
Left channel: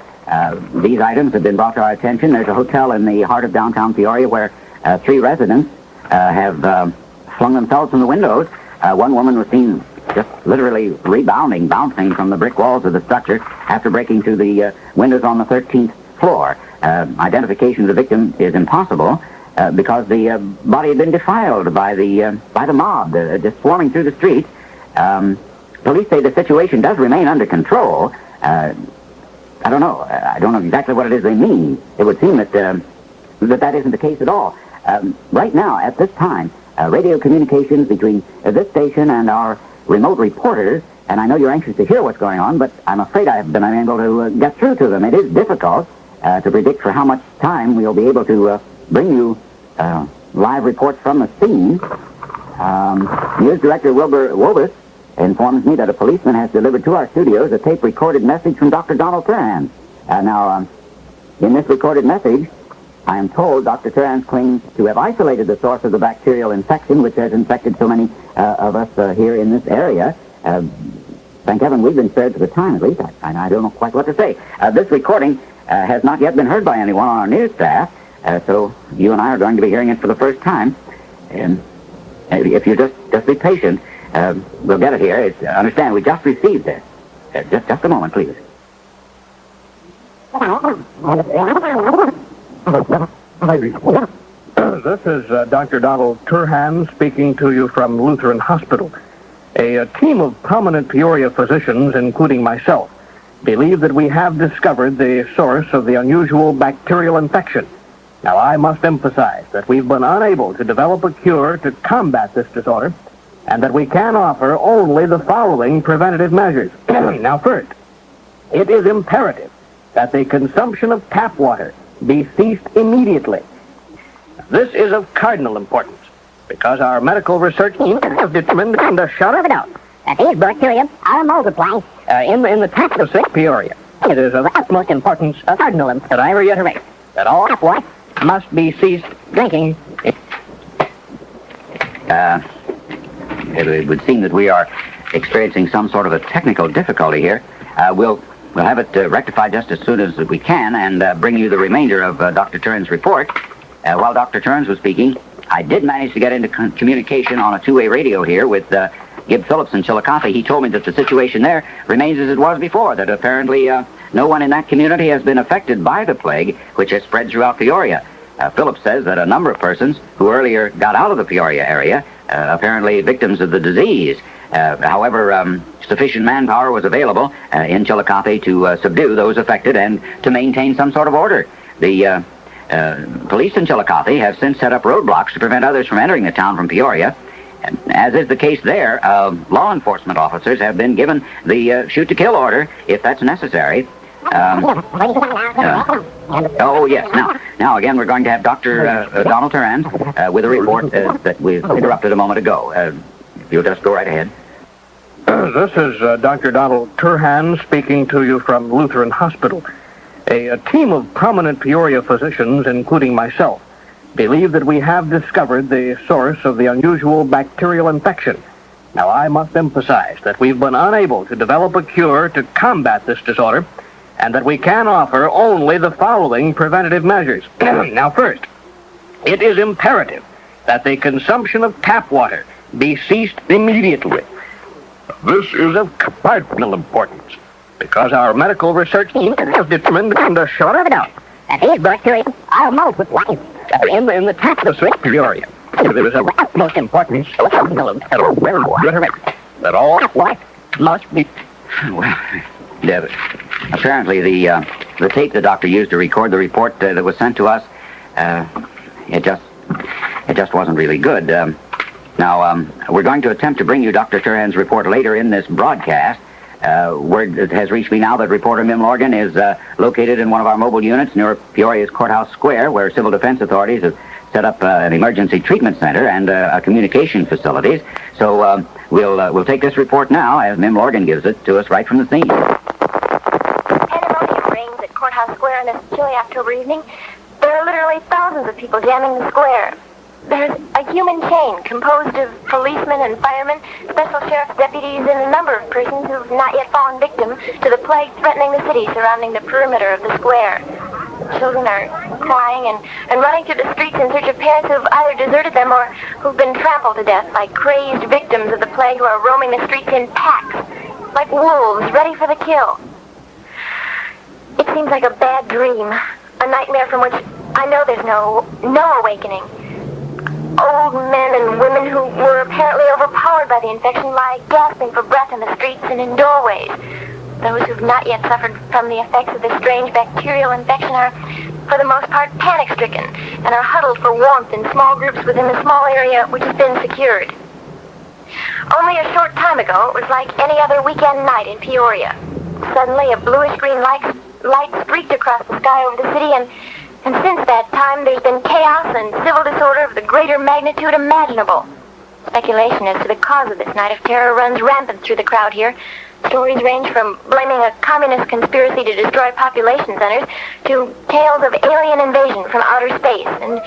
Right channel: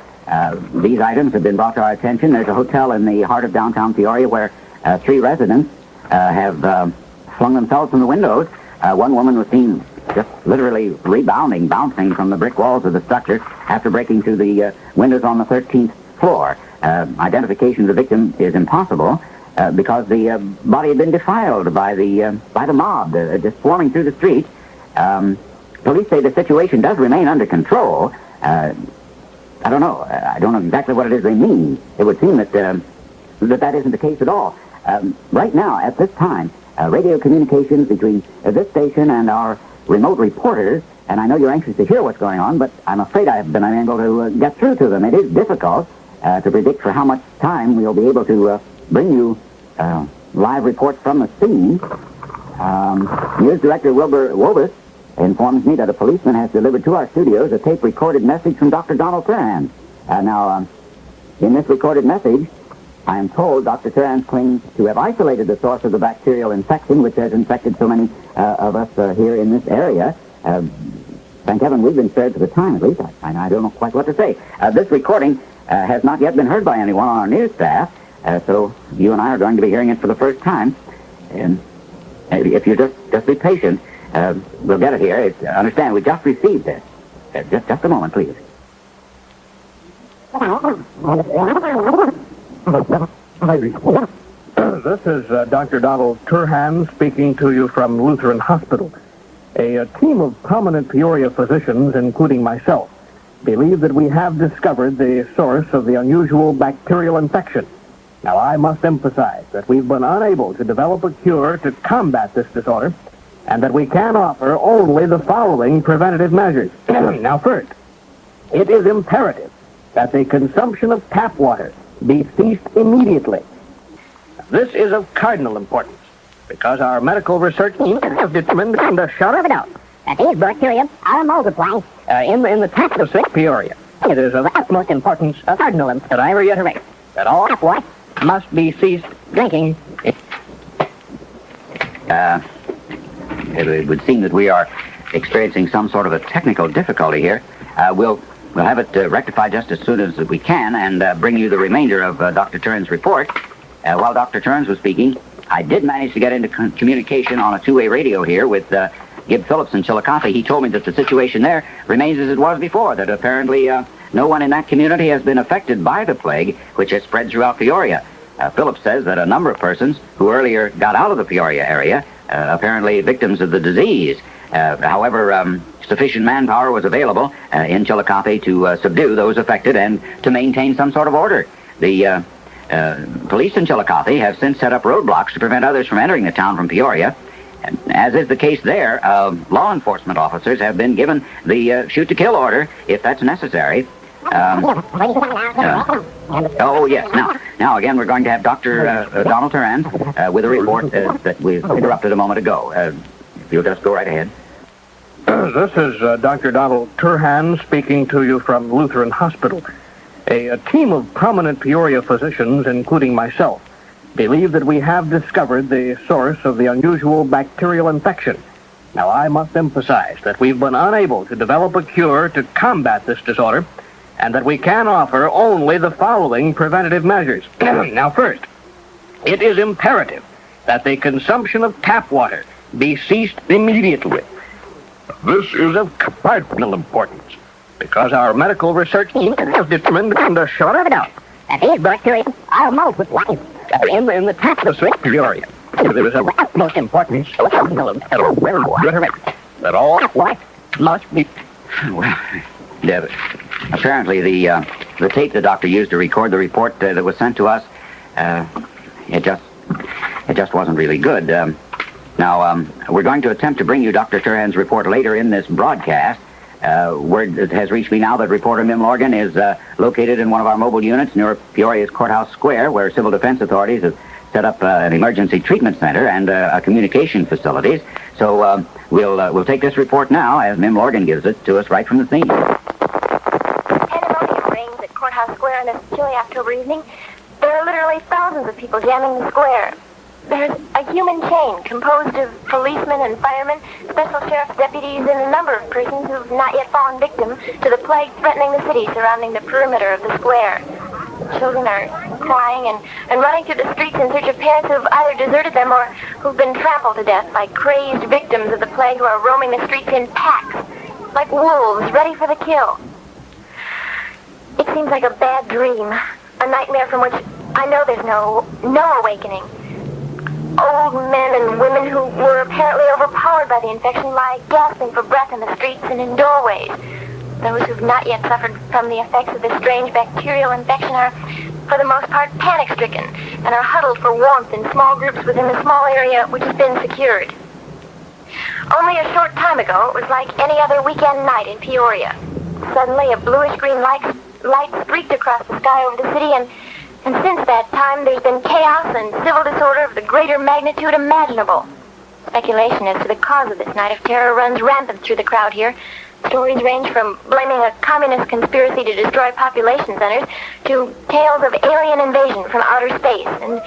these items have been brought to our attention. There's a hotel in the heart of downtown Peoria where 3 residents have flung themselves from the windows. One woman was seen just literally bouncing from the brick walls of the structure after breaking through the windows on the 13th floor. Identification of the victim is impossible because the body had been defiled by the mob just swarming through the street. Police say the situation does remain under control. I don't know. I don't know exactly what it is they mean. It would seem that that isn't the case at all. Right now, at this time, radio communications between this station and our remote reporters, and I know you're anxious to hear what's going on, but I'm afraid I've been unable to get through to them. It is difficult to predict for how much time we'll be able to bring you live reports from the scene. News Director Wilbur Wobus informs me that a policeman has delivered to our studios a tape-recorded message from Dr. Donald Turan. Now, in this recorded message, I am told Dr. Turan claims to have isolated the source of the bacterial infection which has infected so many of us here in this area. Thank heaven we've been spared for the time, at least. I don't know quite what to say. This recording has not yet been heard by anyone on our news staff, so you and I are going to be hearing it for the first time. And if you just be patient, we'll get it here. Understand, we just received this. Just a moment, please. This is Dr. Donald Turhan speaking to you from Lutheran Hospital. A team of prominent Peoria physicians, including myself, believe that we have discovered the source of the unusual bacterial infection. Now, I must emphasize that we've been unable to develop a cure to combat this disorder, and that we can offer only the following preventative measures. Now, first, it is imperative that the consumption of tap water be ceased immediately. This is of cardinal importance, because our medical research has determined beyond a shadow of a doubt that these bacteria are multiplying in the tap of Peoria. It is of utmost importance, of cardinal importance, that I reiterate that all tap water must be ceased drinking. It would seem that we are experiencing some sort of a technical difficulty here. We'll have it rectified just as soon as we can and bring you the remainder of Dr. Turan's report. While Dr. Turns was speaking, I did manage to get into communication on a two-way radio here with Gib Phillips in Chillicothe. He told me that the situation there remains as it was before, that apparently no one in that community has been affected by the plague, which has spread throughout Peoria. Phillips says that a number of persons who earlier got out of the Peoria area, apparently victims of the disease. However, sufficient manpower was available in Chillicothe to subdue those affected and to maintain some sort of order. The police in Chillicothe have since set up roadblocks to prevent others from entering the town from Peoria. And as is the case there, law enforcement officers have been given the shoot-to-kill order, if that's necessary. Oh, yes. Now, again, we're going to have Dr. Donald Turan with a report that we interrupted a moment ago. You'll just go right ahead. This is Dr. Donald Turhan speaking to you from Lutheran Hospital. A team of prominent Peoria physicians, including myself, believe that we have discovered the source of the unusual bacterial infection. Now, I must emphasize that we've been unable to develop a cure to combat this disorder, and that we can offer only the following preventative measures. Now, first, it is imperative that the consumption of tap water be ceased immediately. This is of cardinal importance, because our medical research team has determined beyond a shadow of a doubt that these bacteria are multiplying in the tap of Peoria. It is of utmost importance that all water must be... Well, yeah, apparently the tape the doctor used to record the report that was sent to us, it just wasn't really good. Now, we're going to attempt to bring you Dr. Turan's report later in this broadcast. Word has reached me now that reporter Mim Lorgan is located in one of our mobile units near Peoria's Courthouse Square, where civil defense authorities have set up an emergency treatment center and a communication facilities. So we'll take this report now as Mim Lorgan gives it to us right from the scene. And Courthouse Square on this chilly October evening, there are literally thousands of people jamming the square. There's a human chain composed of policemen and firemen, special sheriff's deputies, and a number of persons who've not yet fallen victim to the plague threatening the city surrounding the perimeter of the square. Children are crying and running through the streets in search of parents who've either deserted them or who've been trampled to death by crazed victims of the plague who are roaming the streets in packs, like wolves ready for the kill. It seems like a bad dream, a nightmare from which I know there's no awakening. Old men and women who were apparently overpowered by the infection lie gasping for breath in the streets and in doorways. Those who've not yet suffered from the effects of this strange bacterial infection are, for the most part, panic-stricken and are huddled for warmth in small groups within the small area which has been secured. Only a short time ago, it was like any other weekend night in Peoria. Suddenly, a bluish-green light streaked across the sky over the city, and since that time, there's been chaos and civil disorder of the greater magnitude imaginable. Speculation as to the cause of this night of terror runs rampant through the crowd here. Stories range from blaming a communist conspiracy to destroy population centers to tales of alien invasion from outer space. And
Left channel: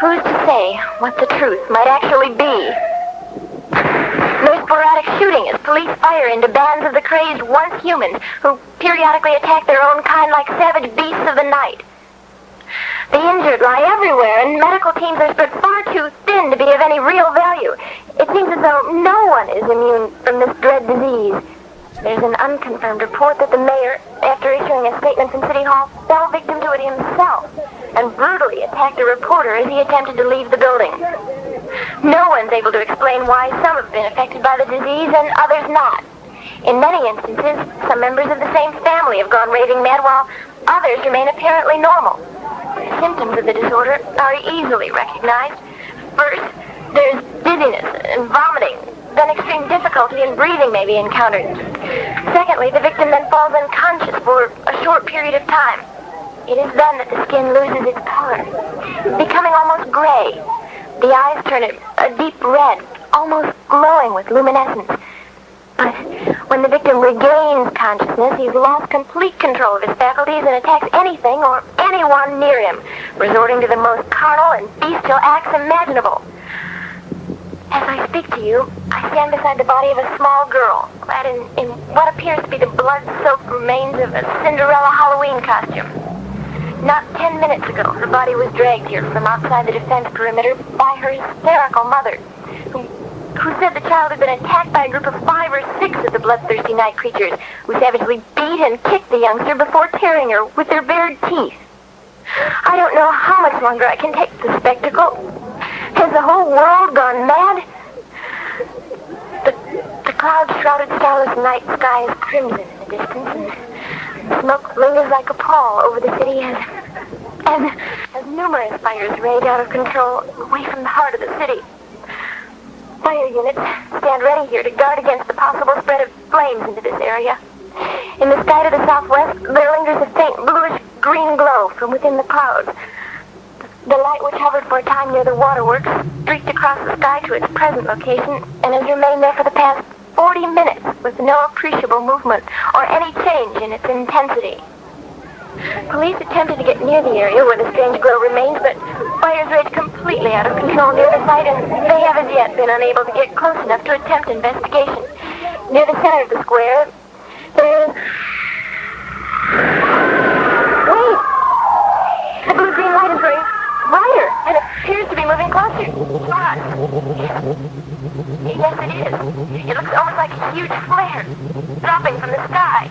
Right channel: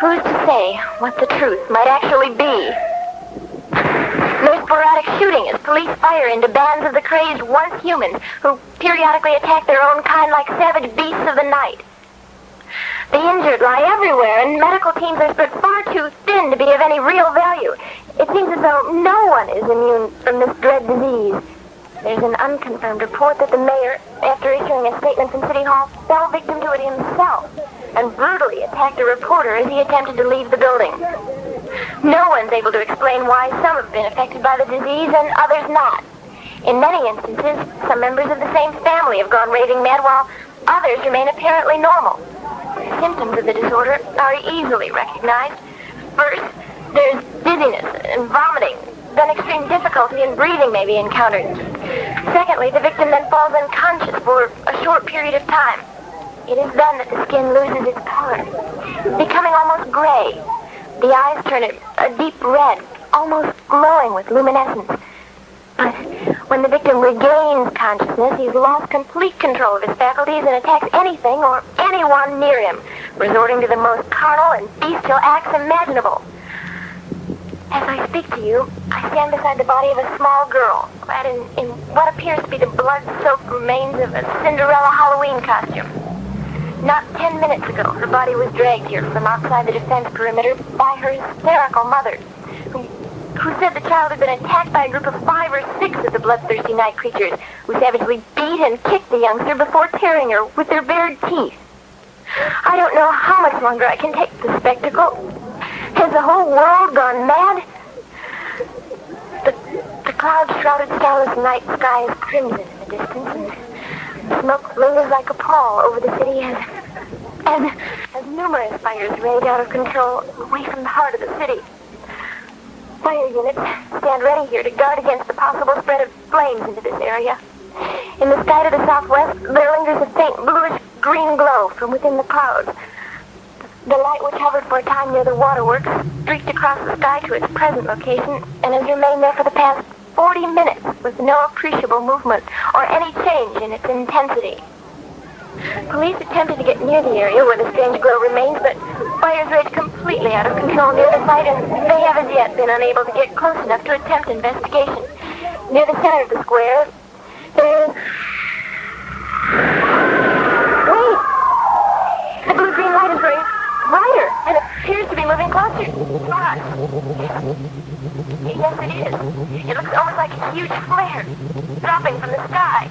who's to say what the truth might actually be? There's sporadic shooting as police fire into bands of the crazed once humans who periodically attack their own kind like savage beasts of the night. The injured lie everywhere, and medical teams are spread far too thin to be of any real value. It seems as though no one is immune from this dread disease. There's an unconfirmed report that the mayor, after issuing a statement from City Hall, fell victim to it himself and brutally attacked a reporter as he attempted to leave the building. No one's able to explain why some have been affected by the disease and others not. In many instances, some members of the same family have gone raving mad while others remain apparently normal. The symptoms of the disorder are easily recognized. First, there's dizziness and vomiting. Then extreme difficulty in breathing may be encountered. Secondly, the victim then falls unconscious for a short period of time. It is then that the skin loses its color, becoming almost gray. The eyes turn a deep red, almost glowing with luminescence. But when the victim regains consciousness, he's lost complete control of his faculties and attacks anything or anyone near him, resorting to the most carnal and bestial acts imaginable. As I speak to you, I stand beside the body of a small girl, clad in what appears to be the blood-soaked remains of a Cinderella Halloween costume. Not 10 minutes ago, the body was dragged here from outside the defense perimeter by her hysterical mother, who said the child had been attacked by a group of 5 or 6 of the bloodthirsty night creatures, who savagely beat and kicked the youngster before tearing her with their bared teeth. I don't know how much longer I can take the spectacle. Has the whole world gone mad? The cloud-shrouded starless night sky is crimson in the distance, and smoke lingers like a pall over the city as numerous fires rage out of control away from the heart of the city. Fire units stand ready here to guard against the possible spread of flames into this area. In the sky to the southwest, there lingers a faint bluish-green glow from within the clouds. The light, which hovered for a time near the waterworks, streaked across the sky to its present location and has remained there for the past 40 minutes with no appreciable movement or any change in its intensity. Police attempted to get near the area where the strange glow remains, but fires raged completely out of control near the site, and they have as yet been unable to get close enough to attempt investigation. Near the center of the square, there is... Wait! The blue-green light is growing brighter, and it appears to be moving closer. Ah. Yes, it is. It looks almost like a huge flare, dropping from the sky.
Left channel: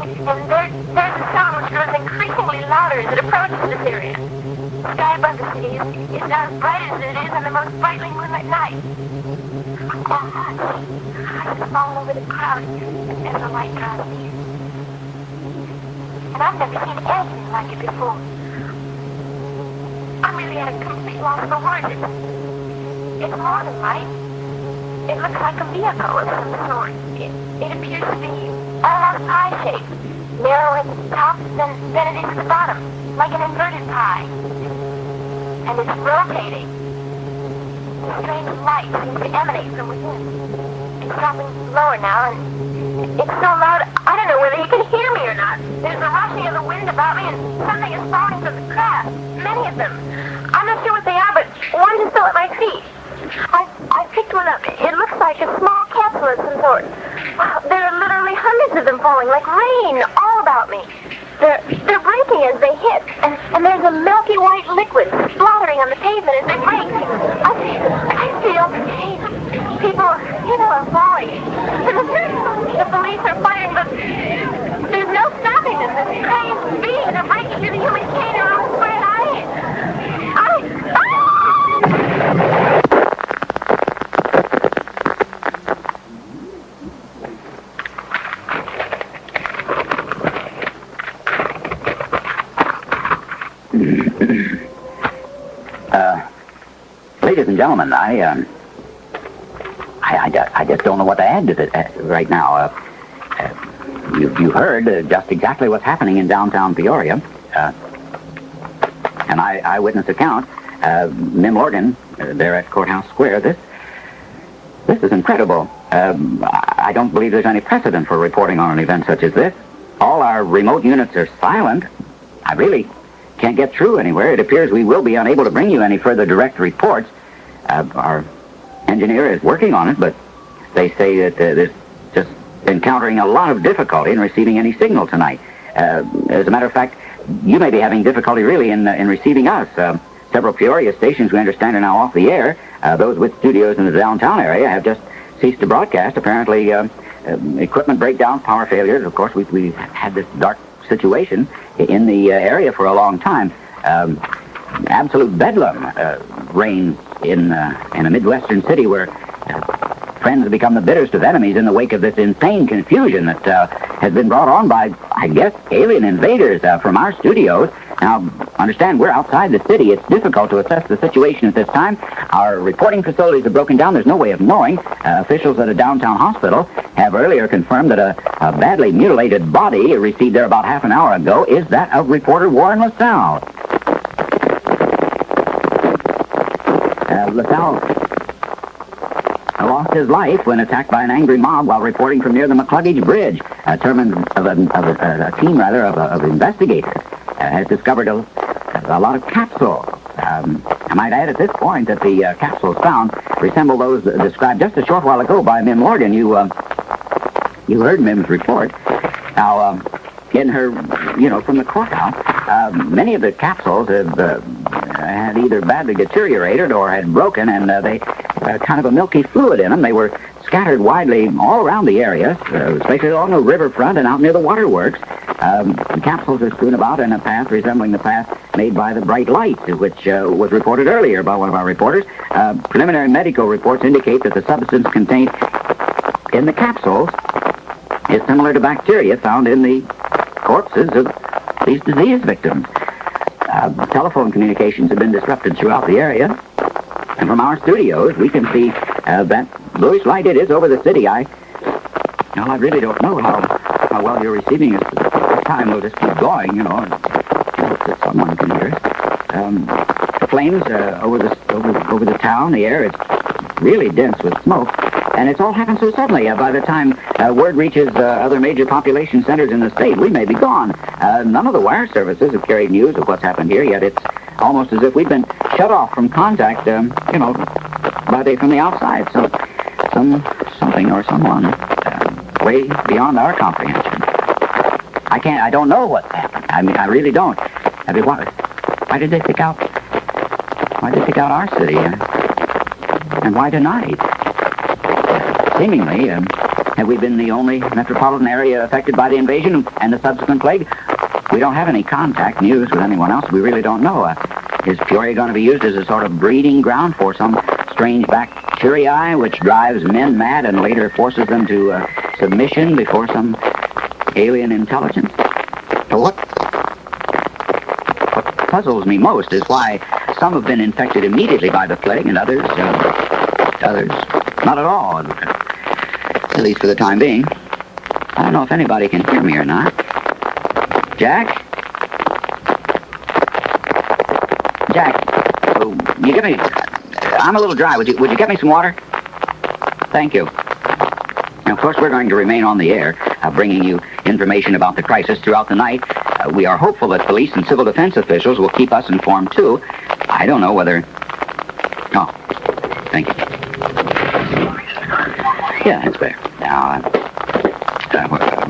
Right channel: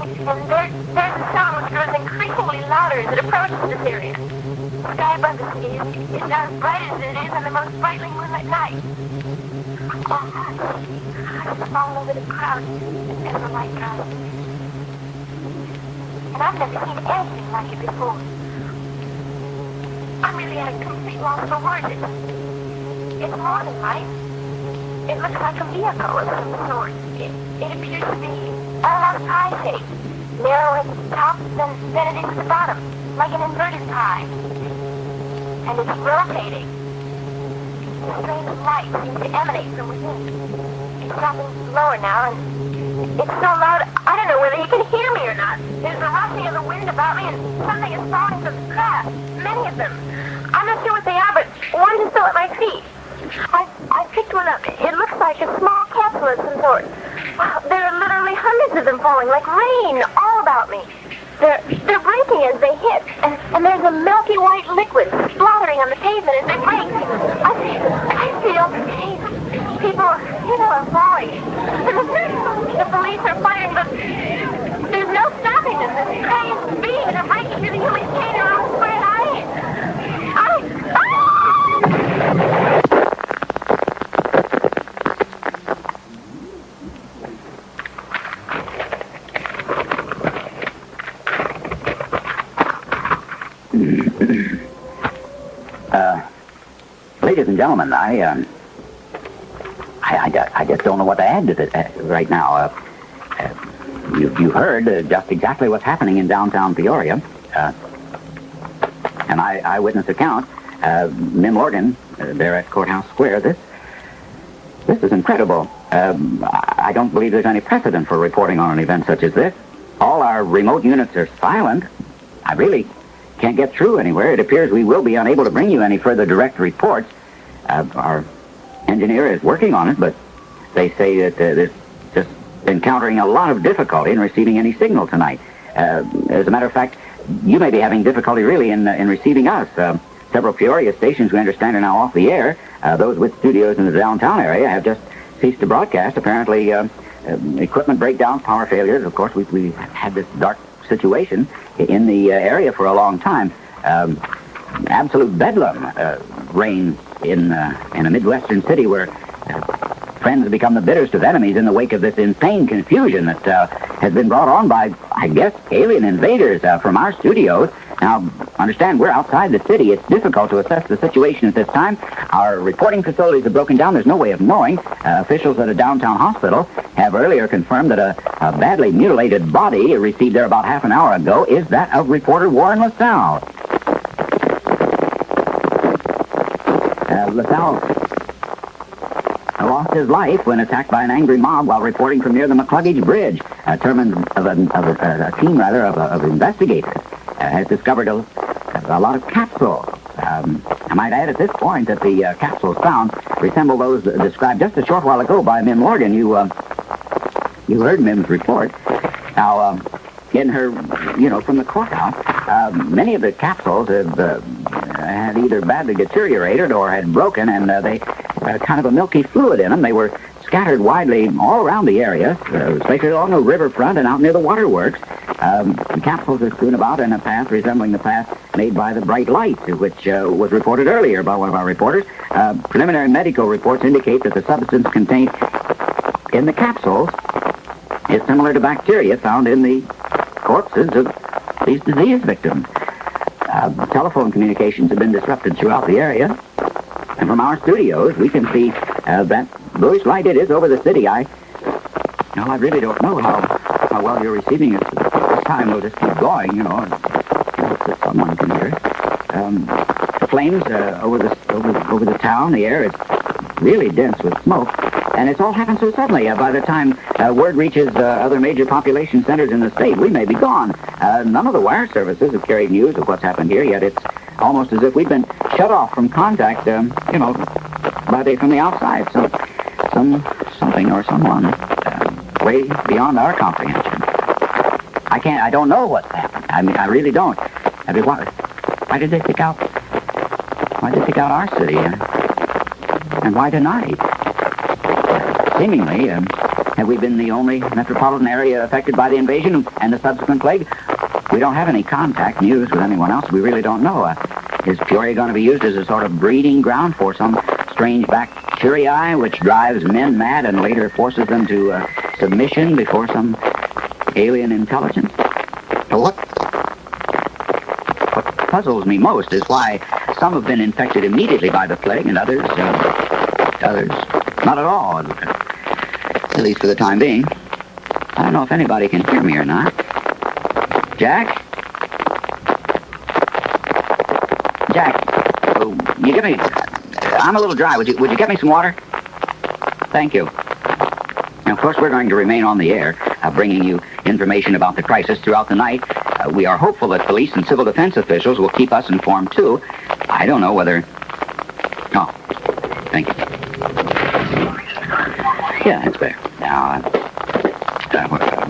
And there's a sound which grows increasingly louder as it approaches this area. The sky above the city is not as bright as it is on the most brightly moonlit night. It's falling over the clouds as the light comes. And I've never seen anything like it before. I'm really at a complete loss for words. It's more than light. It looks like a vehicle of some sort. It appears to be almost pie-shaped, narrow at the top, then it is at the bottom, like an inverted pie. And it's rotating. The strange light seems to emanate from within. It's dropping lower now, and it's so loud, I don't know whether you can hear me or or not. There's a rushing of the wind about me, and something is falling from the craft. Many of them. I'm not sure what they are, but one is still at my feet. I picked one up. It looks like a small capsule of some sort. There are literally hundreds of them falling, like rain, all about me. They're breaking as they hit, and there's a milky white liquid splattering on the pavement as they break. I feel people are falling. The police are fighting, but there's no stopping them. This crazy beings are breaking through the human chain around the square, Ladies and gentlemen, I just don't know what to add to this right now. You heard just exactly what's happening in downtown Peoria. An eyewitness account. Mim Morgan, there at Courthouse Square. This is incredible. I don't believe there's any precedent for reporting on an event such as this. All our remote units are silent. I really can't get through anywhere. It appears we will be unable to bring you any further direct reports. Our engineer is working on it, but they say that there's just encountering a lot of difficulty in receiving any signal tonight. As a matter of fact, you may be having difficulty really in receiving us. Several Peoria stations, we understand, are now off the air. Those with studios in the downtown area have just ceased to broadcast. Apparently, equipment breakdowns, power failures. Of course, we've had this dark situation in the area for a long time. Absolute bedlam reigns in a Midwestern city where friends have become the bitterest of enemies in the wake of this insane confusion that has been brought on by, I guess, alien invaders from our studios. Now, understand, we're outside the city. It's difficult to assess the situation at this time. Our reporting facilities are broken down. There's no way of knowing. Officials at a downtown hospital have earlier confirmed that a badly mutilated body received there about half an hour ago is that of reporter Warren LaSalle. LaSalle lost his life when attacked by an angry mob while reporting from near the McCluggage Bridge. A team of investigators has discovered a lot of capsules. I might add at this point that the capsules found resemble those described just a short while ago by Mim Morgan. You heard Mim's report. Now, in her, from the courthouse, many of the capsules had either badly deteriorated or had broken, and they had kind of a milky fluid in them. They were scattered widely all around the area, especially along the riverfront and out near the waterworks. The capsules are strewn about in a path resembling the path made by the bright lights, which was reported earlier by one of our reporters. Preliminary medical reports indicate that the substance contained in the capsules is similar to bacteria found in the corpses of these disease victims. Telephone communications have been disrupted throughout the area. And from our studios, we can see that bluish light it is over the city. I really don't know how well you're receiving it. This time we'll just keep going, and hope that someone can hear. The flames over the town, the air is really dense with smoke. And it's all happened so suddenly. By the time word reaches other major population centers in the state, we may be gone. None of the wire services have carried news of what's happened here, yet it's almost as if we've been shut off from contact, from the outside. So something or someone way beyond our comprehension. I don't know what's happened. I really don't. Why did they pick out our city? And why tonight? Seemingly, have we been the only metropolitan area affected by the invasion and the subsequent plague? We don't have any contact news with anyone else. We really don't know. Is Peoria going to be used as a sort of breeding ground for some strange bacteria which drives men mad and later forces them to submission before some alien intelligence? So what puzzles me most is why some have been infected immediately by the plague and others not at all, at least for the time being. I don't know if anybody can hear me or not. Jack? You give me... I'm a little dry. Would you get me some water? Thank you. Now, of course, we're going to remain on the air, bringing you information about the crisis throughout the night. We are hopeful that police and civil defense officials will keep us informed, too. I don't know whether... Oh, thank you. Yeah, that's better. Now,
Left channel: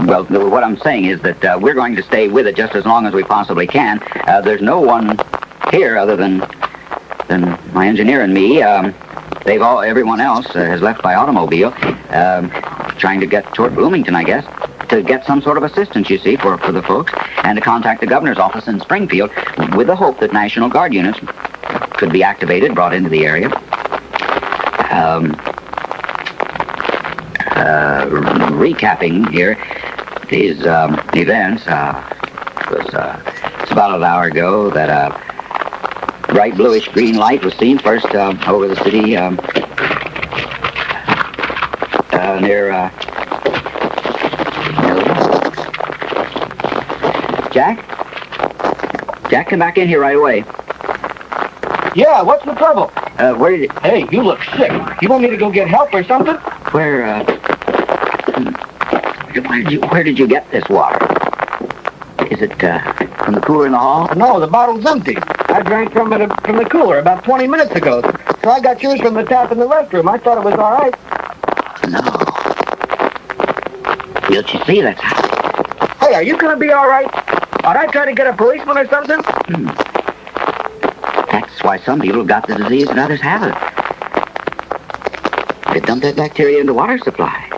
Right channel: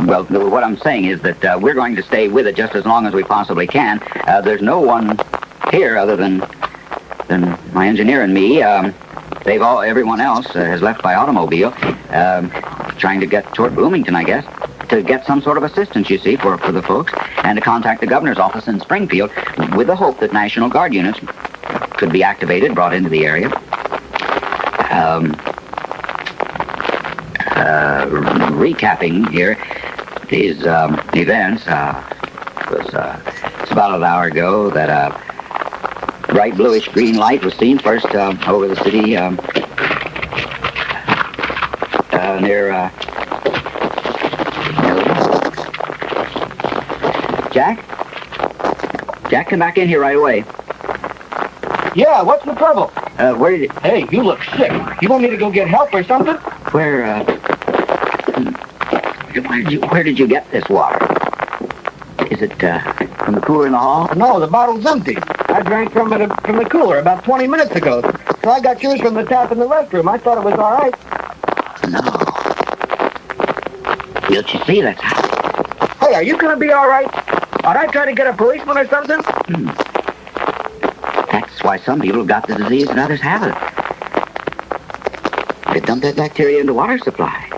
well, what I'm saying is that we're going to stay with it just as long as we possibly can. There's no one here other than my engineer and me. Everyone else has left by automobile, trying to get toward Bloomington, I guess, to get some sort of assistance, you see, for the folks, and to contact the governor's office in Springfield with the hope that National Guard units could be activated, brought into the area. Recapping here these events, it's about an hour ago that a bright bluish-green light was seen first over the city near... Jack, come back in here right away. Yeah, what's the trouble? Where did it... Hey, you look sick. You want me to go get help or something? Where did you get this water? Is it from the cooler in the hall? No, the bottle's empty. I drank from the cooler about 20 minutes ago. So I got yours from the tap in the restroom. I thought it was all right. No. Don't you see that's... Hey, are you going to be all right? Ought I try to get a policeman or something? That's why some people have got the disease and others haven't. They dump that bacteria in the water supply.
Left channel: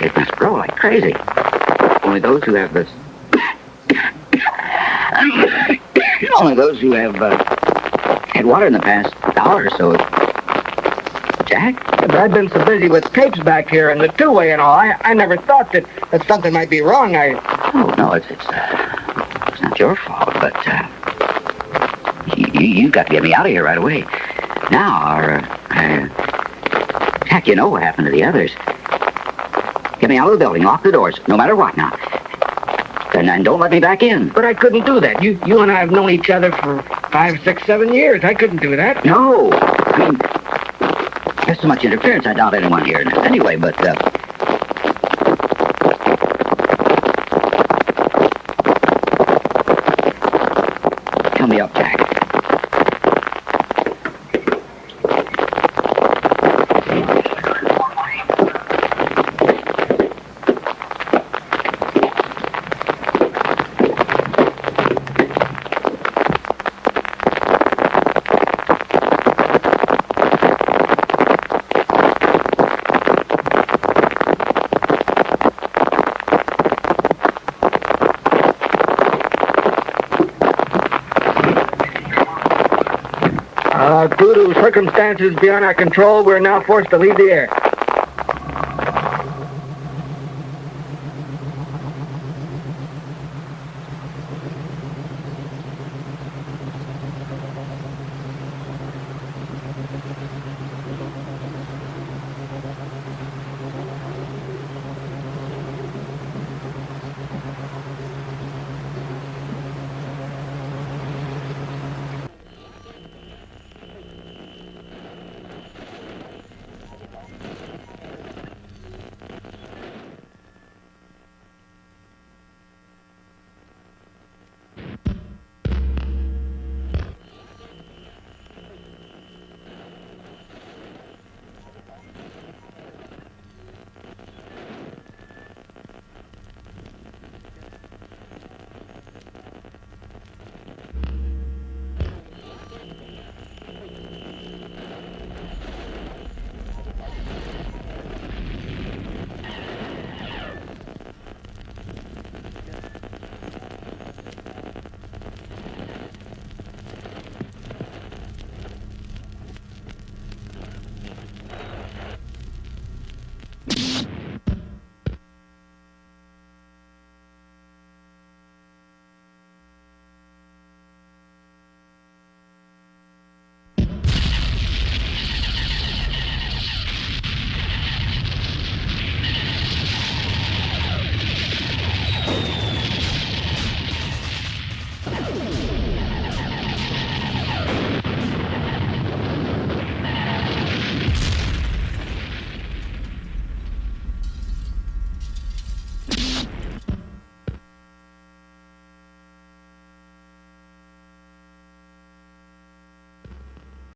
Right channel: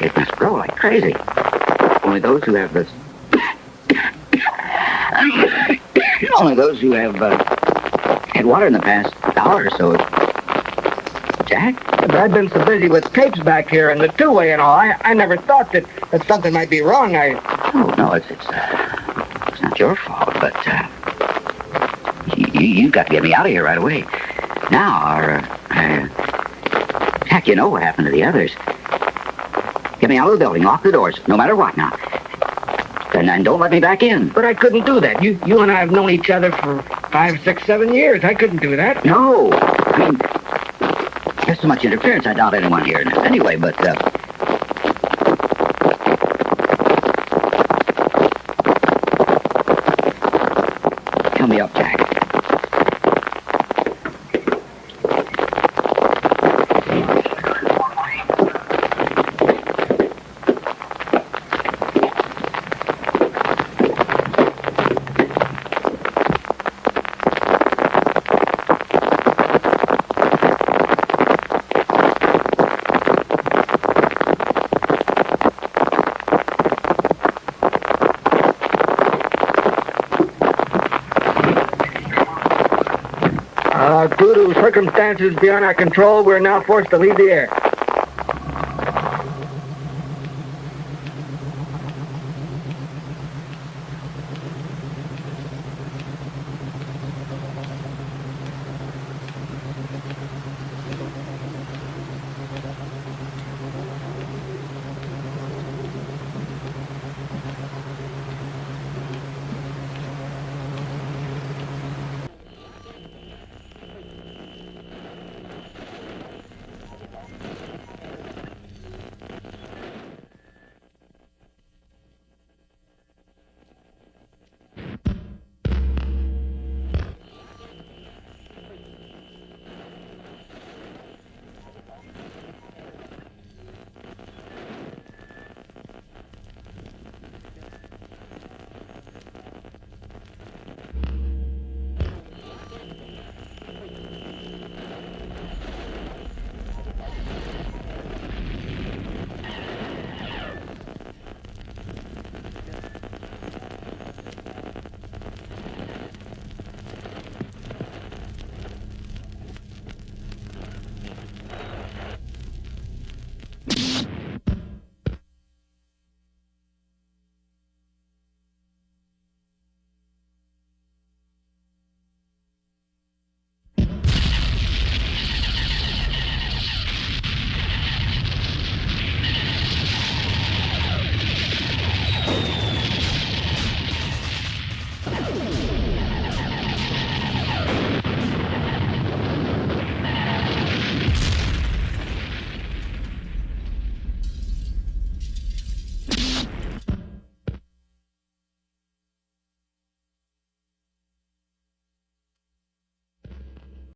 It must grow like crazy. Only those who have this... Only those who have had water in the past hour or so. Jack? But I've been so busy with tapes back here and the two-way and all. I never thought that something might be wrong. Oh, no, it's not your fault, but you've got to get me out of here right away. Now, Jack, you know what happened to the others. Get me out of the building, lock the doors, no matter what now. And don't let me back in. But I couldn't do that. You and I have known each other for 5, 6, 7 years. I couldn't do that. No. I mean, there's so much interference, I doubt anyone here. Anyway, but... Come me up, Jack. Due to circumstances beyond our control, we're now forced to leave the air.